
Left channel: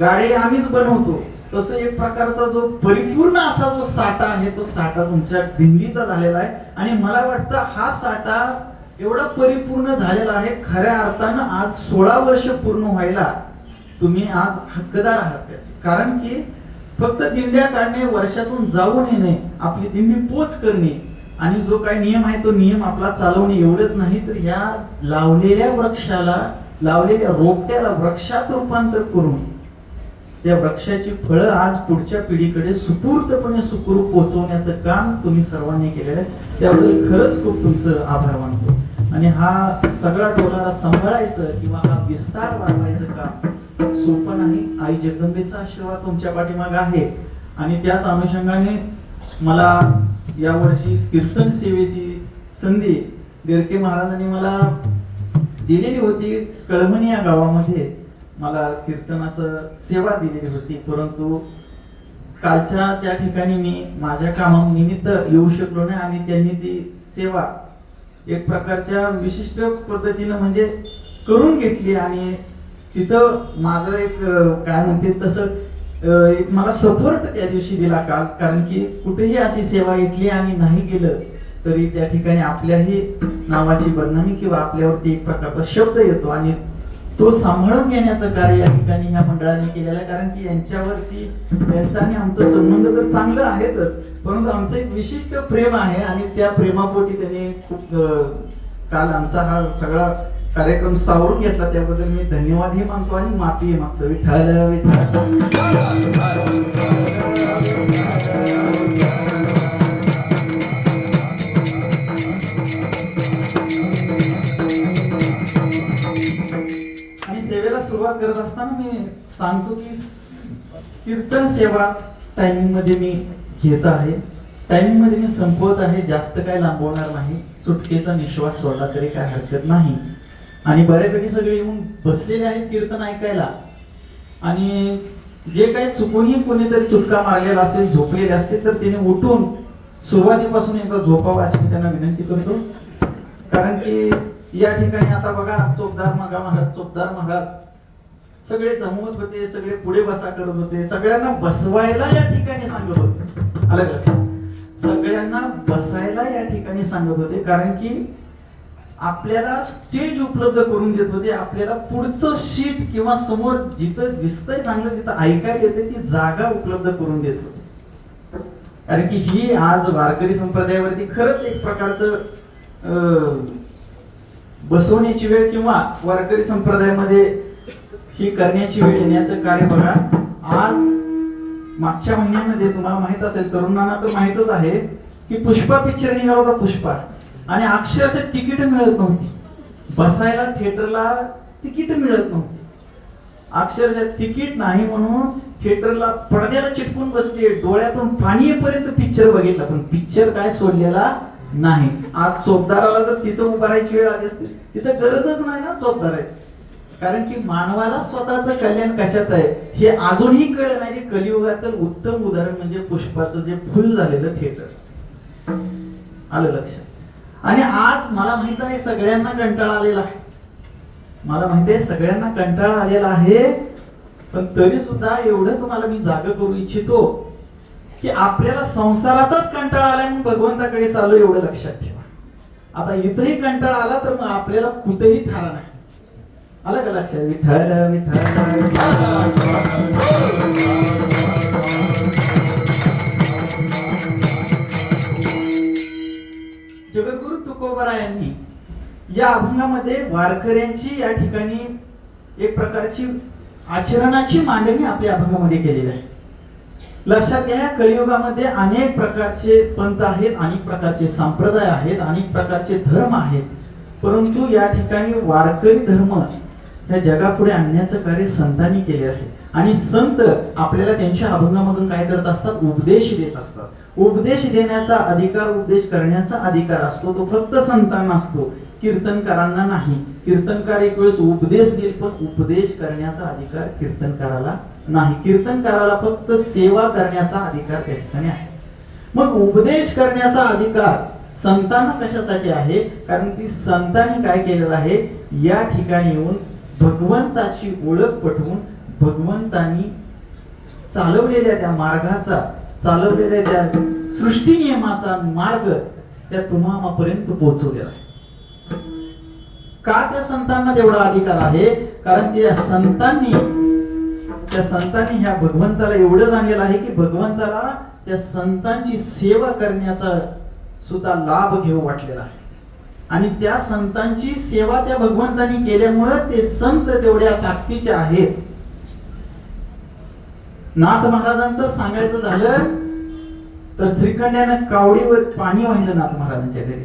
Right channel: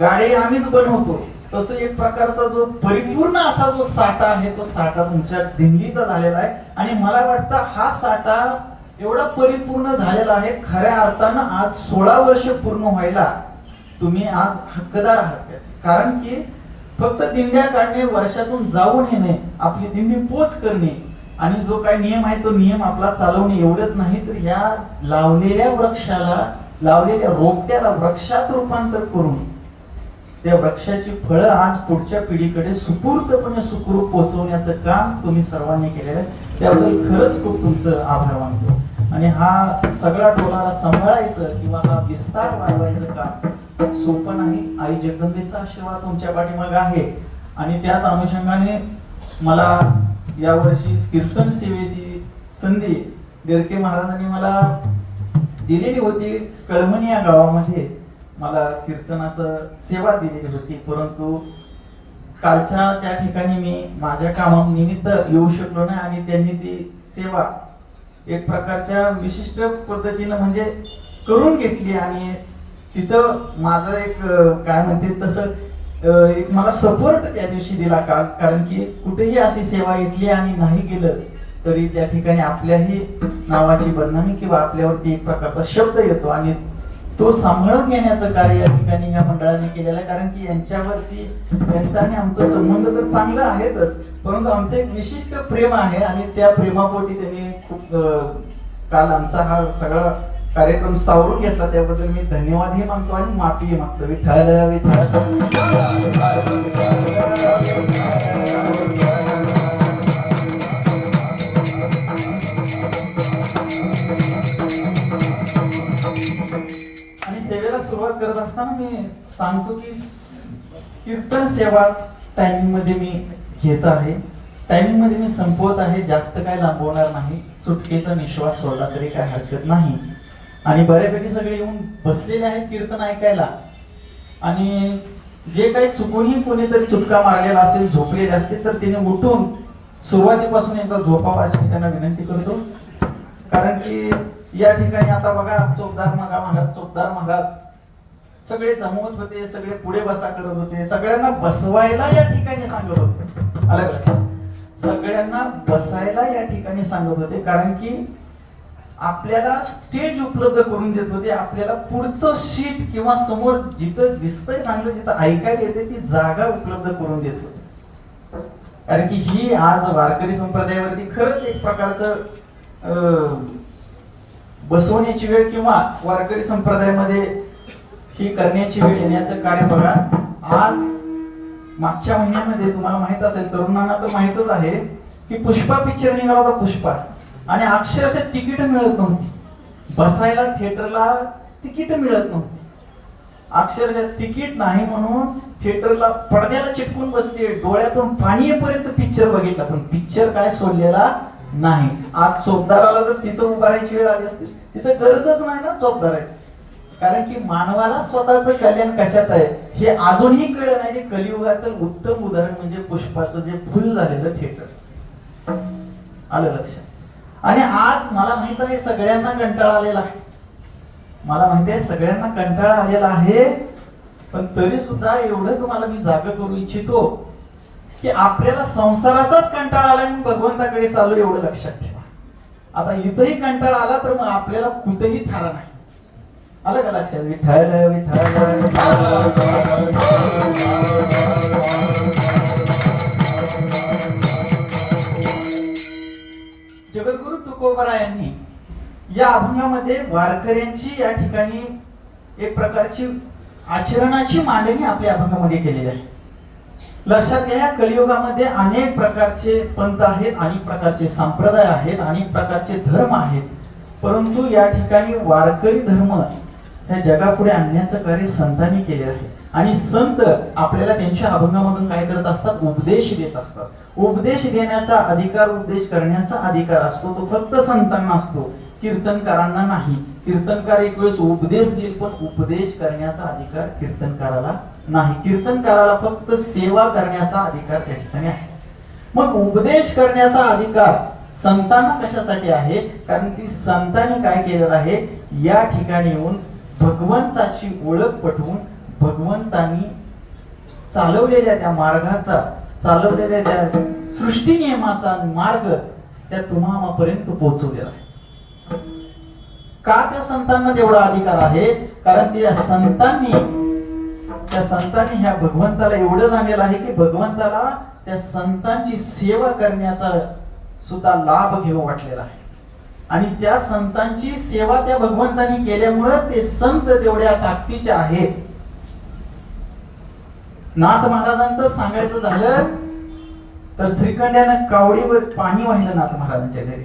गाड्याही आम्हीच बनवतो, तसं एक प्रकारचा जो परिपूर्ण असा जो साठा आहे तो साठा तुमच्या दिंडीचा झालेला आहे. आणि मला वाटतं हा साठा एवढा परिपूर्ण झालेला आहे, खऱ्या अर्थानं आज 16 वर्ष पूर्ण व्हायला तुम्ही आज हक्कदार आहात त्याचे. कारण की फक्त दिंड्या काढणे, वर्षातून जाऊन येणे, आपली दिंडी पोच करणे आणि जो काही नियम आहे तो नियम आपला चालवणे एवढंच नाही, तर या लावलेल्या वृक्षाला, लावलेल्या रोपट्याला वृक्षात रूपांतर करून त्या वृक्षाची फळं आज पुढच्या पिढीकडे सुपूर्तपणे सुखरूप पोहोचवण्याचं काम तुम्ही सर्वांनी केलेलं आहे. त्याबद्दल खरंच खूप तुमचं आभार मानतो. आणि हा सगळा डोलारा सांभाळायचं किंवा हा विस्तार वाढवायचं काम सोपं नाही. आई जगदंबेचा आशीर्वाद तुमच्या पाठीमागे आहे. आणि त्याच अनुषंगाने मला यावर्षी कीर्तन सेवेची संधी गिरके महाराजांनी मला दिलेली होती. कळमणी या गावामध्ये मला कीर्तनाचं सेवा दिलेली होती, परंतु कालच्या त्या ठिकाणी मी माझ्या कामानिमित्त येऊ शकलो नाही. आणि त्यांनी ती सेवा एक प्रकारच्या विशिष्ट पद्धतीनं म्हणजे करून घेतली आणि तिथं माझं एक काय म्हणते तसं एक मला सपोर्ट त्या दिवशी दिला का, कारण की कुठेही अशी सेवा घेतली आणि नाही गेलं तरी त्या ठिकाणी आपल्याही नावाची बदनामी किंवा आपल्यावरती एक प्रकारचा शब्द येतो आणि तो सांभाळून घेण्याचं कार्य या ठिकाणी या मंडळाने केलेलं आहे. कारण की यांच्यावरती त्यांचा आणि आमचा संबंध तर चांगला आहेतच, परंतु आमचं एक विशिष्ट प्रेम आहे आणि त्या प्रेमापोटी त्यांनी खूप काल आमचा हा सगळा कार्यक्रम सावरून घेतला. त्याबद्दल मी धन्यवादही मानतो आणि माफी मागतो. विठ्ठल विठ्ठल. आणि सेवेला सुरुवात करत असताना मी सांगतो की कीर्तन सेवा टायमिंग मध्ये मी घेत आहे, टायमिंग मध्ये मी संपवत आहे, जास्त काय लांबवणार नाही. सुटकेचा निश्वास सोडला तरी काय हरकत नाही. आणि बऱ्यापैकी सगळे येऊन बसलेले आहेत कीर्तन ऐकायला. आणि जे काही चुकूनही कोणीतरी चुटका मारलेला असेल, झोपलेले असतील, तर त्याने उठून सुरुवातीपासून एकदा झोपावं अशी मी त्यांना विनंती करतो. कारण की या ठिकाणी आता बघा चोपदार महाराज सगळे जमवत होते, सगळे पुढे बसा करत होते, सगळ्यांना बसवायला या ठिकाणी सांगत होते. आलं लक्षात? सगळ्यांना बसायला या ठिकाणी सांगत होते, कारण की आपल्याला स्टेज उपलब्ध करून देत होते. आपल्याला पुढचं शीट किंवा समोर जिथं दिसतंय चांगलं, जिथं ऐकायला येते ती जागा उपलब्ध करून देत होते. कारण की ही आज वारकरी संप्रदायावरती खरंच एक प्रकारचं बसवण्याची वेळ किंवा वारकरी संप्रदायामध्ये ही करण्याची वेळ येण्याचं कार्य बघा. आज मागच्या महिन्यामध्ये तुम्हाला माहित असेल, तरुणांना तर माहितच आहे की पुष्पा पिक्चर निघाला होता, पुष्पा, आणि अक्षरशः तिकीट मिळत नव्हती. बसायला थिएटरला तिकीट मिळत नव्हती. अक्षरशः तिकीट नाही म्हणून थिएटरला पडद्याला चिटकून बसले, डोळ्यातून पाणी येईपर्यंत पिक्चर बघितला, पण पिक्चर काय सोडलेला नाही. आज चोपदाराला जर तिथं उभा राहायची वेळ आली असती, तिथं गरजच नाही ना चोपदाराची. कारण की मानवाला स्वतःचं कल्याण कशात आहे हे अजूनही कळलं नाही. कलियुगातील उत्तम उदाहरण म्हणजे पुष्पाचं जे फुल झालेलं थिएटर. आलं लक्षात? आणि आज मला माहित आहे सगळ्यांना कंटाळा आलेला आहे, मला माहिती आहे सगळ्यांना कंटाळा आलेला आहे, पण तरी सुद्धा एवढं तुम्हाला मी जाग करू इच्छितो की आपल्याला संसाराचाच कंटाळा आला म्हणून भगवंताकडे चालू, एवढं लक्षात ठेवा. आता इथंही कंटाळा आला तर मग आपल्याला कुठेही थारा नाही. आलं का लक्षात? विठ्ठल जगद्गुरु तुकोबरायांनी या अभंगामध्ये वारकऱ्यांची या ठिकाणी एक प्रकारची आचरणाची मांडणी आपल्या अभंगामध्ये केलेली आहे. लक्षात घ्या, कलियुगामध्ये अनेक प्रकारचे पंथ आहेत, अनेक प्रकारचे संप्रदाय आहेत, अनेक प्रकारचे धर्म आहेत. परंतु या ठिकाणी वारकरी धर्म ह्या जगापुढे आणण्याचं कार्य संतांनी केले आहे. आणि संत आपल्याला त्यांच्या अभंगामधून काय करत असतात? उपदेश देत असतात. उपदेश देण्याचा अधिकार, उपदेश करण्याचा अधिकार असतो तो फक्त संतांना असतो, कीर्तनकारांना नाही. कीर्तनकार एक वेळेस उपदेश देईल, पण उपदेश करण्याचा अधिकार कीर्तनकाराला नाही. कीर्तनकाराला फक्त सेवा करण्याचा अधिकार त्या ठिकाणी आहे. मग उपदेश करण्याचा अधिकार संतांना कशासाठी आहे? कारण की संतांनी काय केलेलं आहे, या ठिकाणी येऊन भगवंताची ओळख पटवून भगवंतांनी चालवलेल्या त्या मार्गाचा, चालवलेल्या त्या सृष्टी नियमाचा मार्ग त्या तुम्हापर्यंत पोहोचवलेला आहे. का त्या संतांना तेवढा अधिकार आहे? कारण त्या संतांनी ह्या भगवंताला एवढं जाणलेलं आहे की भगवंताला त्या संतांची सेवा करण्याचा सुद्धा लाभ घेऊ वाटलेला आहे. आणि त्या संतांची सेवा त्या भगवंतांनी केल्यामुळे ते संत तेवढ्या ताकदीचे आहेत. नाथ महाराजांचं सांगायचं झालं तर श्रीखंड्यानं कावडीवर पाणी वाहिलं नाथ महाराजांच्या घरी.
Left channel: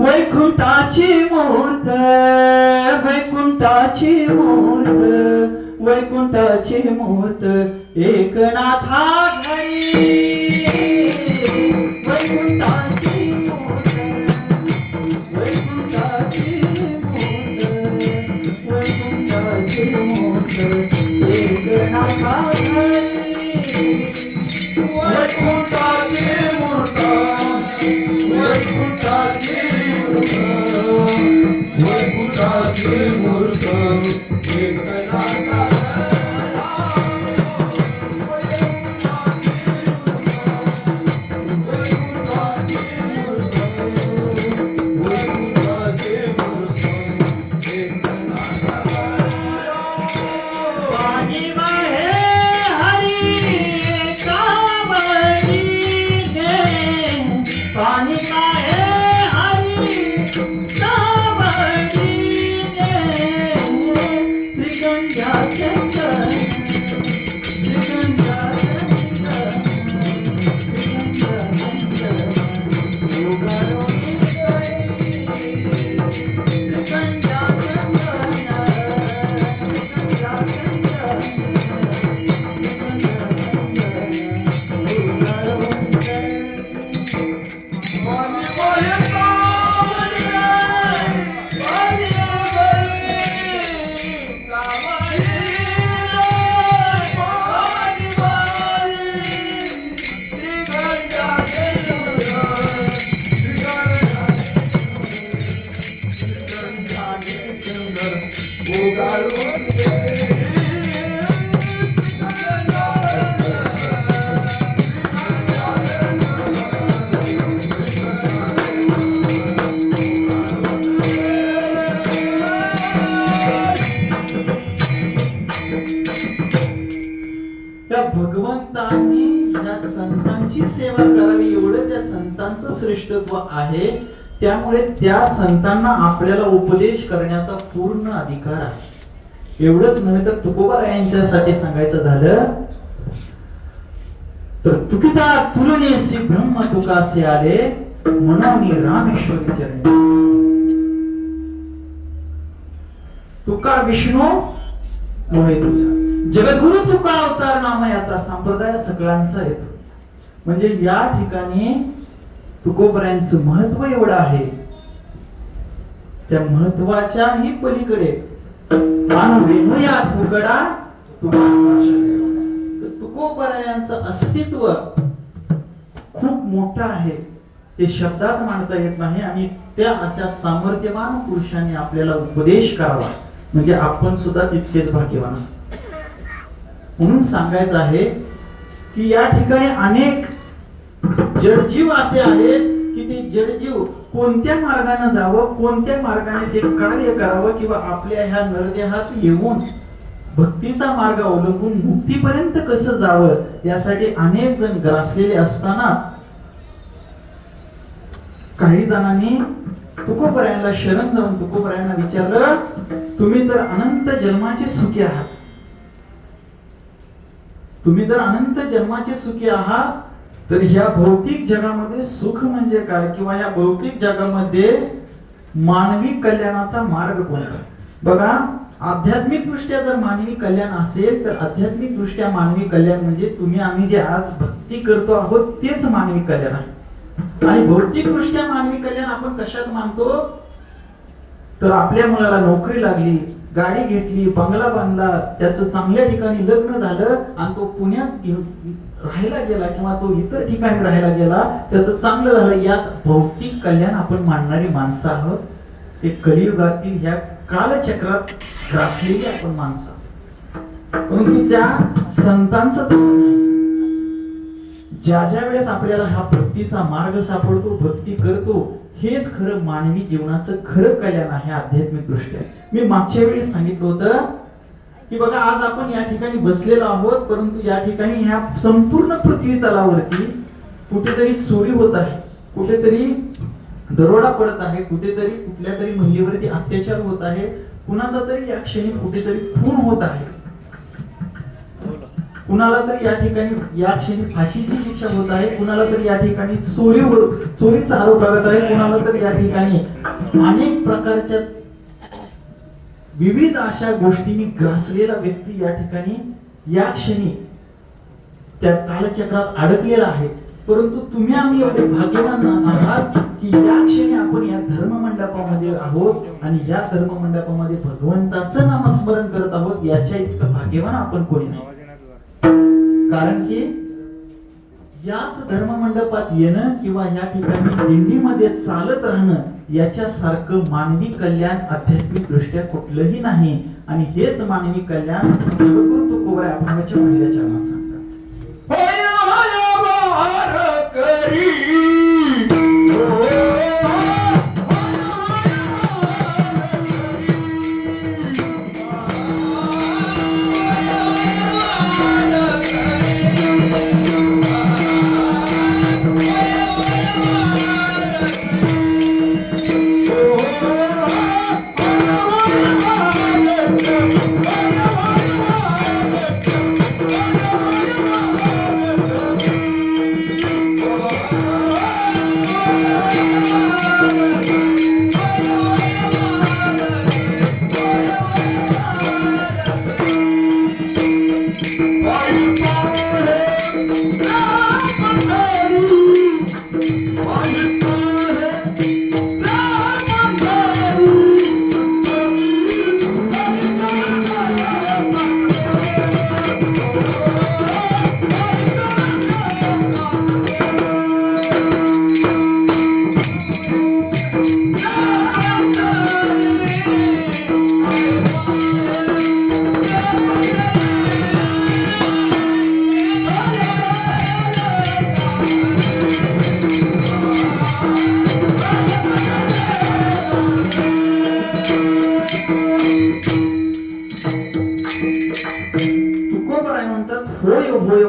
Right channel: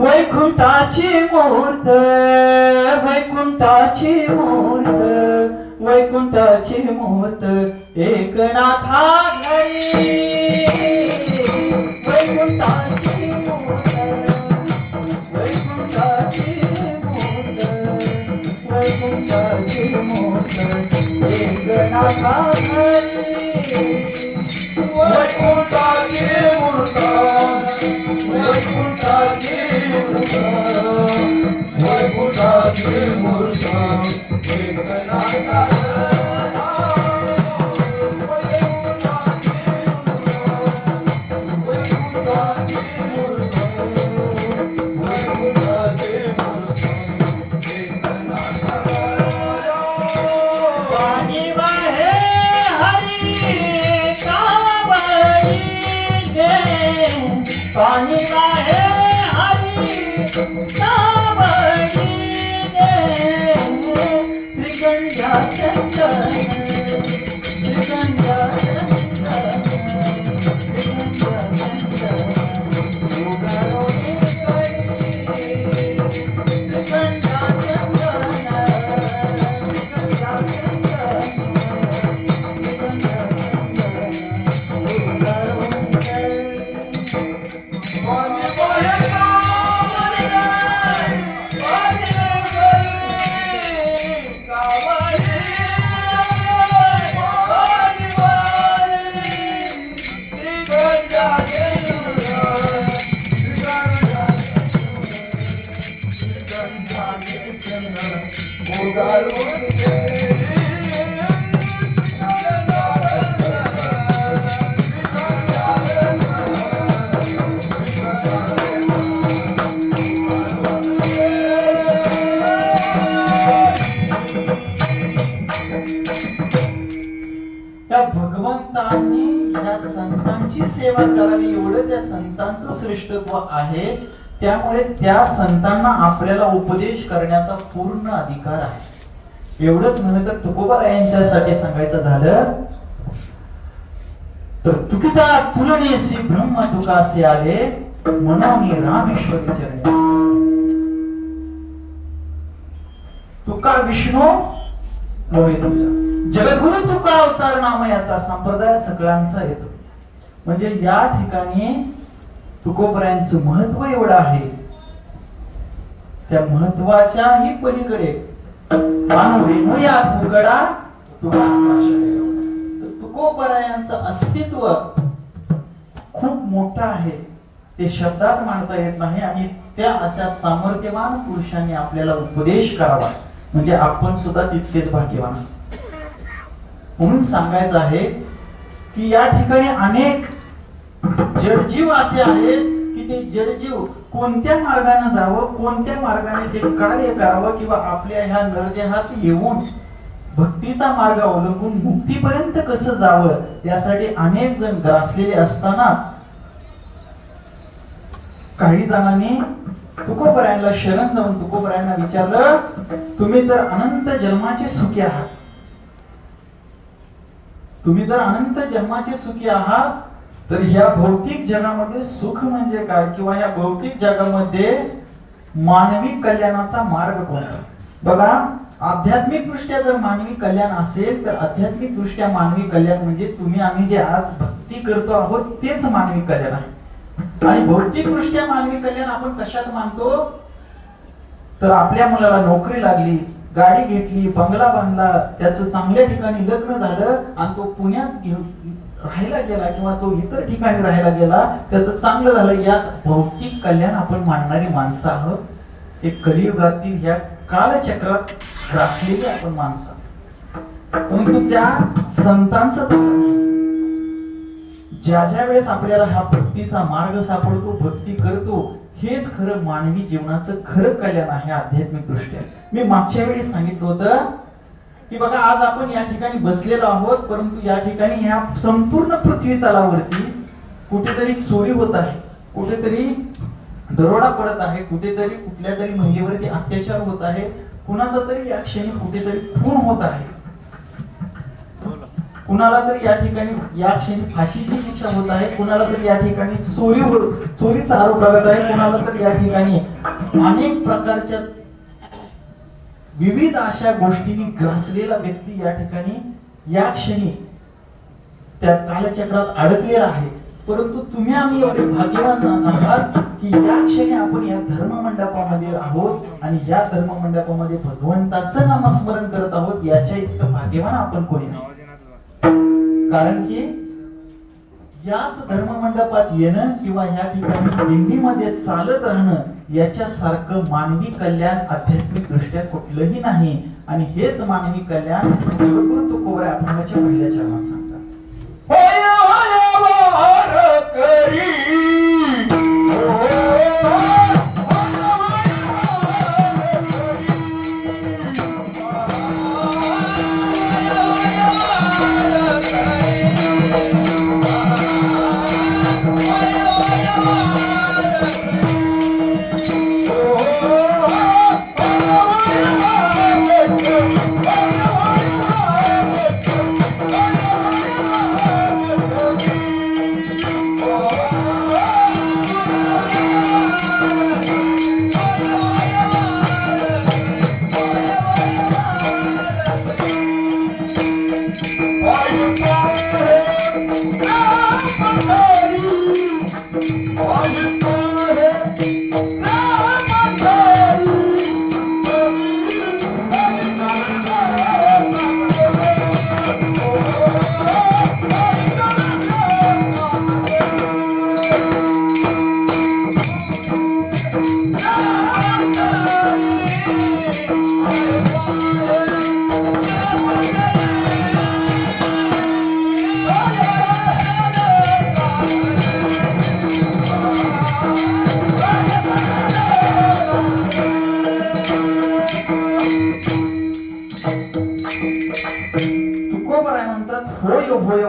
वैकुंठाची मूर्त, वैकुंठाची मूर्त, वैकुंठाची मूर्त एकनाथा घरी. वैकुंठाची मूर्त, वैकुंठाची मूर्त, वैकुंठाची मूर्त एकनाथा घरी. वैकुंठाची मूर्त, वैकुंठाची मूर्त, वैकुंठाची मूर्त एकनाथा घरी. भगवंतांनी ह्या संतांची सेवा करावी एवढं त्या संतांचं श्रेष्ठत्व आहे. त्यामुळे त्या संतांना आपल्याला उपदेश करण्याचा पूर्ण अधिकार आहे. एवढंच नव्हे तर तुकोबारायांच्यासाठी सांगायचं झालं तर तुकिता तुलनेसी ब्रह्म तुकासे आले मनाने रामेश्वर चरणी. तुका विष्णू मोहे तुझा, जगद्गुरु तुका अवतार नामयाचा संप्रदाय सगळ्यांचा येतो. म्हणजे या ठिकाणी तुकोबरायांचं महत्व एवढं आहे. त्या महत्वाच्याही पलीकडे तुकोबरायांचं अस्तित्व खूप मोठं आहे. ते शब्दात मांडता येत नाही. आणि त्या अशा सामर्थ्यवान पुरुषांनी आपल्याला उपदेश करावा म्हणजे आपण सुद्धा तितकेच भाग्यवान. म्हणून सांगायचं आहे की या ठिकाणी अनेक जडजीव असे आहेत की ते जडजीव कोणत्या मार्गाने जावं, कोणत्या मार्गाने ते कार्य करावं किंवा आपल्या ह्या नरदेहात येऊन भक्तीचा मार्ग अवलंबून मुक्तीपर्यंत कसं जावं यासाठी अनेक जण ग्रासलेले असतानाच काही जणांनी तुकोबरायांना शरण जाऊन तुकोबरायांना विचारलं, तुम्ही तर अनंत जन्माचे सुखी आहात, तुम्ही जर अनंत जन्माचे सुखी आहात तर ह्या भौतिक जगामध्ये सुख म्हणजे काय किंवा ह्या भौतिक जगामध्ये मानवी कल्याणाचा मार्ग कोणता? बघा, आध्यात्मिक दृष्ट्या जर मानवी कल्याण असेल तर आध्यात्मिक दृष्ट्या मानवी कल्याण म्हणजे तुम्ही आम्ही जे आज भक्ती करतो आहोत तेच मानवी कल्याण आहे. आणि भौतिक दृष्ट्या मानवी कल्याण आपण कशात मानतो? तर आपल्या मुलाला नोकरी लागली, गाडी घेतली, बंगला बांधला, त्याचं चांगल्या ठिकाणी लग्न झालं आणि तो पुण्यात राहायला गेला किंवा तो इतर ठिकाणी राहायला गेला, त्याचं चांगलं झालं, यात भौतिक कल्याण आपण मानणारी माणसं आहोत. ते कलियुगातील ह्या कालचक्रात ग्रासलेली आपण माणसं. परंतु त्या संतांचं तसं नाही. ज्या वेळेस आपल्याला हा भक्तीचा मार्ग सापडतो, भक्ती करतो, हेच खरं मानवी जीवनाचं खरं कल्याण आहे आध्यात्मिक दृष्ट्या. मी मागच्या वेळी सांगितलं होतं की बघा, आज आपण या ठिकाणी बसलेलो आहोत, परंतु या ठिकाणी ह्या संपूर्ण पृथ्वी तलावरती कुठेतरी चोरी होत आहे, कुठेतरी दरोडा पडत आहे, कुठेतरी कुठल्या तरी महिलेवरती अत्याचार होत आहे, कुणाचा तरी या क्षणी कुठेतरी खून होत आहे, कुणाला तरी या ठिकाणी या क्षणी फाशीची शिक्षा होत आहे, कुणाला तरी या ठिकाणी चोरीचा आरोप लागत आहे, कुणाला तरी या ठिकाणी अनेक प्रकारच्या विविध अशा गोष्टींनी ग्रासलेला व्यक्ती या ठिकाणी या क्षणी त्या कालचक्रात अडकलेला आहे. परंतु तुम्ही आम्ही एवढे भाग्यवान आहात की या क्षणी आपण या धर्ममंडपामध्ये आहोत आणि या धर्ममंडपामध्ये भगवंताचं नामस्मरण करत आहोत. याच्या इतकं भाग्यवान आपण कोणी नाही. कारण की याच धर्ममंडपात येणं किंवा या ठिकाणी दिंडीमध्ये चालत राहणं याच्यासारखं मानवी कल्याण आध्यात्मिक दृष्ट्या कुठलंही नाही. आणि हेच मानवी कल्याण जगद्गुरु तुकोबराय अभंगाच्या पहिल्या चरणात सांगतात.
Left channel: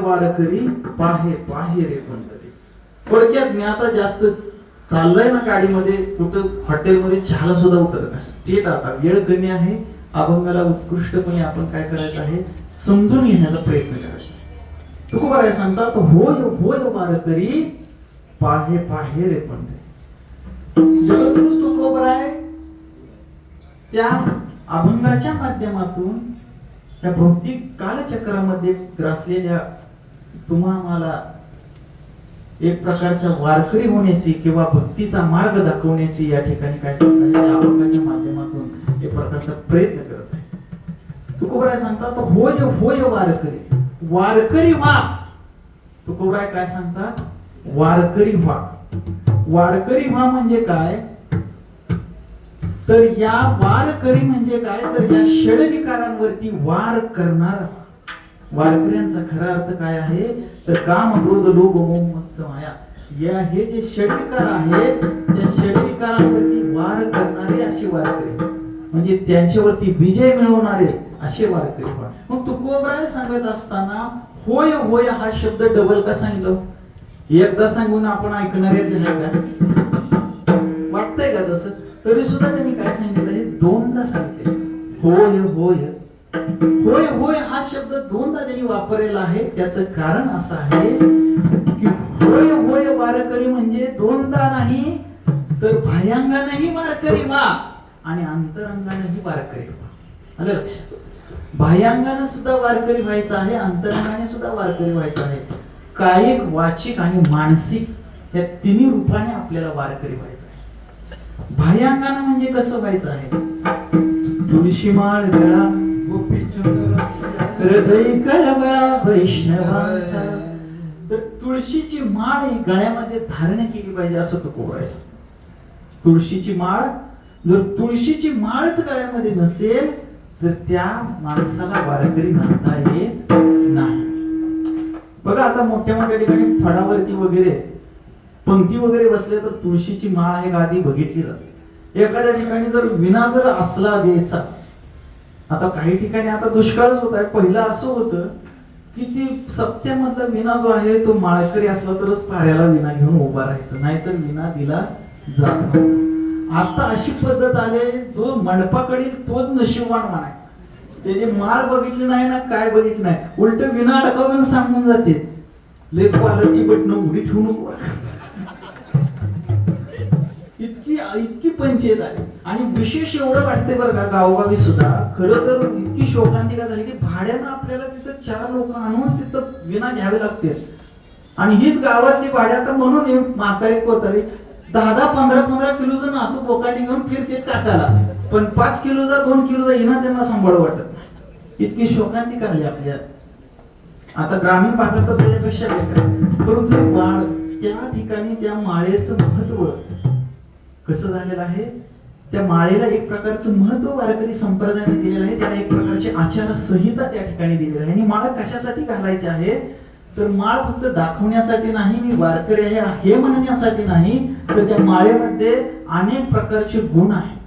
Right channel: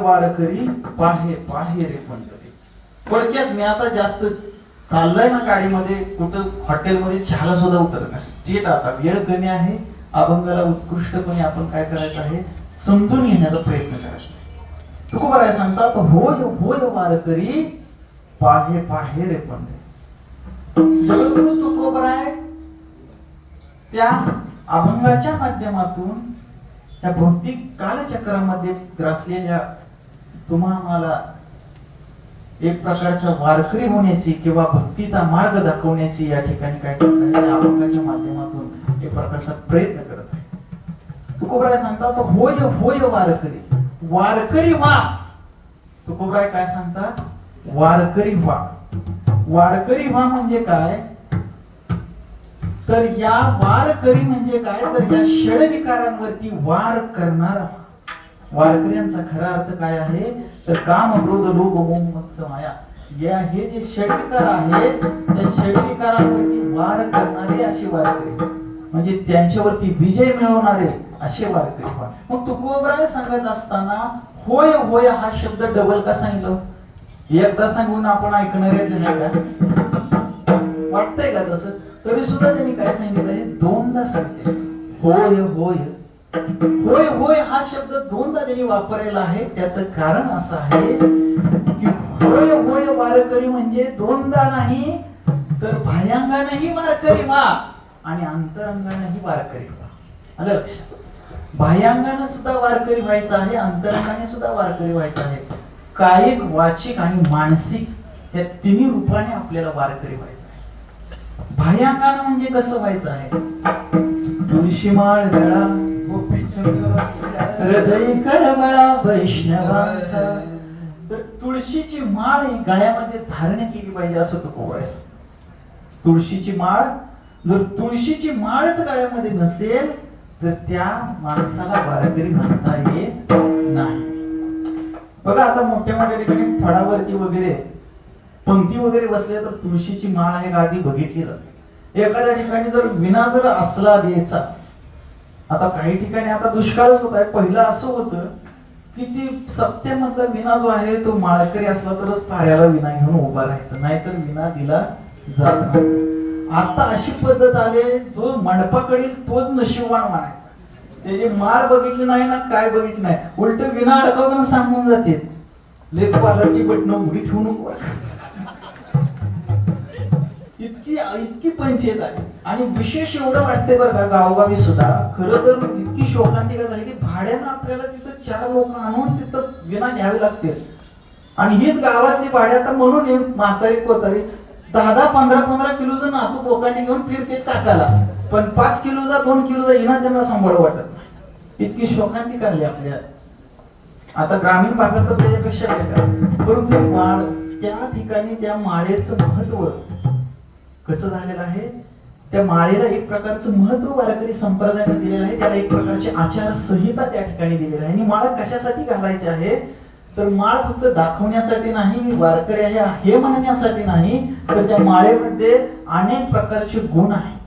वारकरी पाहे पाहे रे पंढरी. थोडक्यात मी आता जास्त चाललंय ना गाडीमध्ये, कुठं हॉटेलमध्ये चहाला सुद्धा उतरत नाही. स्टेट आता वेळ कमी आहे, अभंगाला उत्कृष्टपणे आपण काय करायचं आहे समजून घेण्याचा प्रयत्न करायचा. तुकोबराय सांगतात, होय होय वारकरी पाहे पाहे रे पंढरी. जगद्गुरु तुकोबराय त्या अभंगाच्या माध्यमातून या भौतिक कालचक्रामध्ये ग्रासलेल्या तुम्हाला एक प्रकारच्या वारकरी होण्याची किंवा भक्तीचा मार्ग दाखवण्याची या ठिकाणी काय करत आहे, अभंगाच्या माध्यमातून एक प्रकारचा प्रयत्न करत आहे. तुकोबराय सांगतात, होय होय वारकरी, वारकरी व्हा. तुकोबराय काय सांगतात, वारकरी व्हा. वारकरी व्हा म्हणजे काय, तर या वारकरी म्हणजे काय, तर या षडविकारांवरती वार करणारा. वारकऱ्यांचा खरा अर्थ काय आहे, तर काम, क्रोध, लोभ, मोह, मत्सर, माया या हे जे षडविकार आहेत त्या षडविकारांवरती वार करणारे असे वारकरी, म्हणजे त्यांच्यावरती विजय मिळवणारे असे वारकरी. मग तुकोबराय सांगत असताना होय होय हा शब्द डबल का सांगितलं? एकदा सांगून आपण ऐकणारे नाही का, वाटतंय का तसं? तरी सुद्धा त्यांनी काय सांगितलं, हे दोनदा सांगते. होय होय होय होय हा शब्द दोनदा त्यांनी वापरलेला आहे. त्याचं कारण असं आहे की होय होय वारकरी म्हणजे दोनदा नाही तर बाह्यांगानेही वारकरी व्हा आणि अंतरंगानेही वारकरी व्हा. आलं लक्षात? बाह्यांगाने सुद्धा वारकरी व्हायचं आहे, अंतरंगाने सुद्धा वारकरी व्हायचं आहे. कायिक, वाचिक आणि मानसिक या तिन्ही रूपाने आपल्याला वारकरी व्हायचं आहे. बाह्यांगाने म्हणजे कसं व्हायचं आहे? तुळशी माळ गळा हृदय कळवळा वैष्णवाचा. तर तुळशीची माळ ही गळ्यामध्ये धारण केली पाहिजे असं तो कोरायचं. तुळशीची माळ, जर तुळशीची माळच गळ्यामध्ये नसेल तर त्या माणसाला वारकरी म्हणता येत नाही. बघा आता मोठ्या मोठ्या ठिकाणी फळावरती वगैरे पंक्ती वगैरे बसल्या तर तुळशीची माळ आहे गादी बघितली जाते. एखाद्या ठिकाणी जर विना जर असला द्यायचा, आता काही ठिकाणी आता दुष्काळच होत आहे. पहिलं असं होतं की ती सप्त्यामधला विना जो आहे तो माळकरी असला तरच पाऱ्याला विना घेऊन उभा राहायचं, नाहीतर विना दिला जात नाही. आता अशी पद्धत आली, जो मंडपाकडील तोच नशीबवान मानायचा. त्याची माळ बघितली नाही ना काय बघितली नाही, उलट विना अडकवून सांगून जाते लेख पालरची बटणं उडी ठेवू नको. इतकी पंचायत आहे. आणि विशेष एवढं वाटतंय बरं का गावोगावी सुद्धा खरं तर इतकी शोकांतिका झाली की भाड्यानं आपल्याला तिथं 4 लोक आणून तिथं विना घ्यावे लागते. आणि हीच गावातली भाडे आता म्हणून म्हातारी कोतारी 10-10, 15-15 किलोचं नातू बोकांडी घेऊन फिरते काकाला, पण 5 किलोचा 2 किलोचा इना त्यांना सांभाळ वाटत नाही. इतकी शोकांतिका आली आपल्या. आता ग्रामीण भागात तर त्याच्यापेक्षा वेगळा, परंतु वाढ त्या ठिकाणी त्या माळेचं महत्व कसं झालेलं आहे. त्या माळेला एक प्रकारचं महत्व वारकरी संप्रदायाने दिलेलं आहे. त्याला एक प्रकारची आचारसंहिता त्या ठिकाणी दिलेली आहे. आणि माळ कशासाठी घालायची आहे तर माळ फक्त दाखवण्यासाठी नाही, मी वारकरी आहे हे म्हणण्यासाठी नाही, तर त्या माळेमध्ये अनेक प्रकारचे गुण आहेत.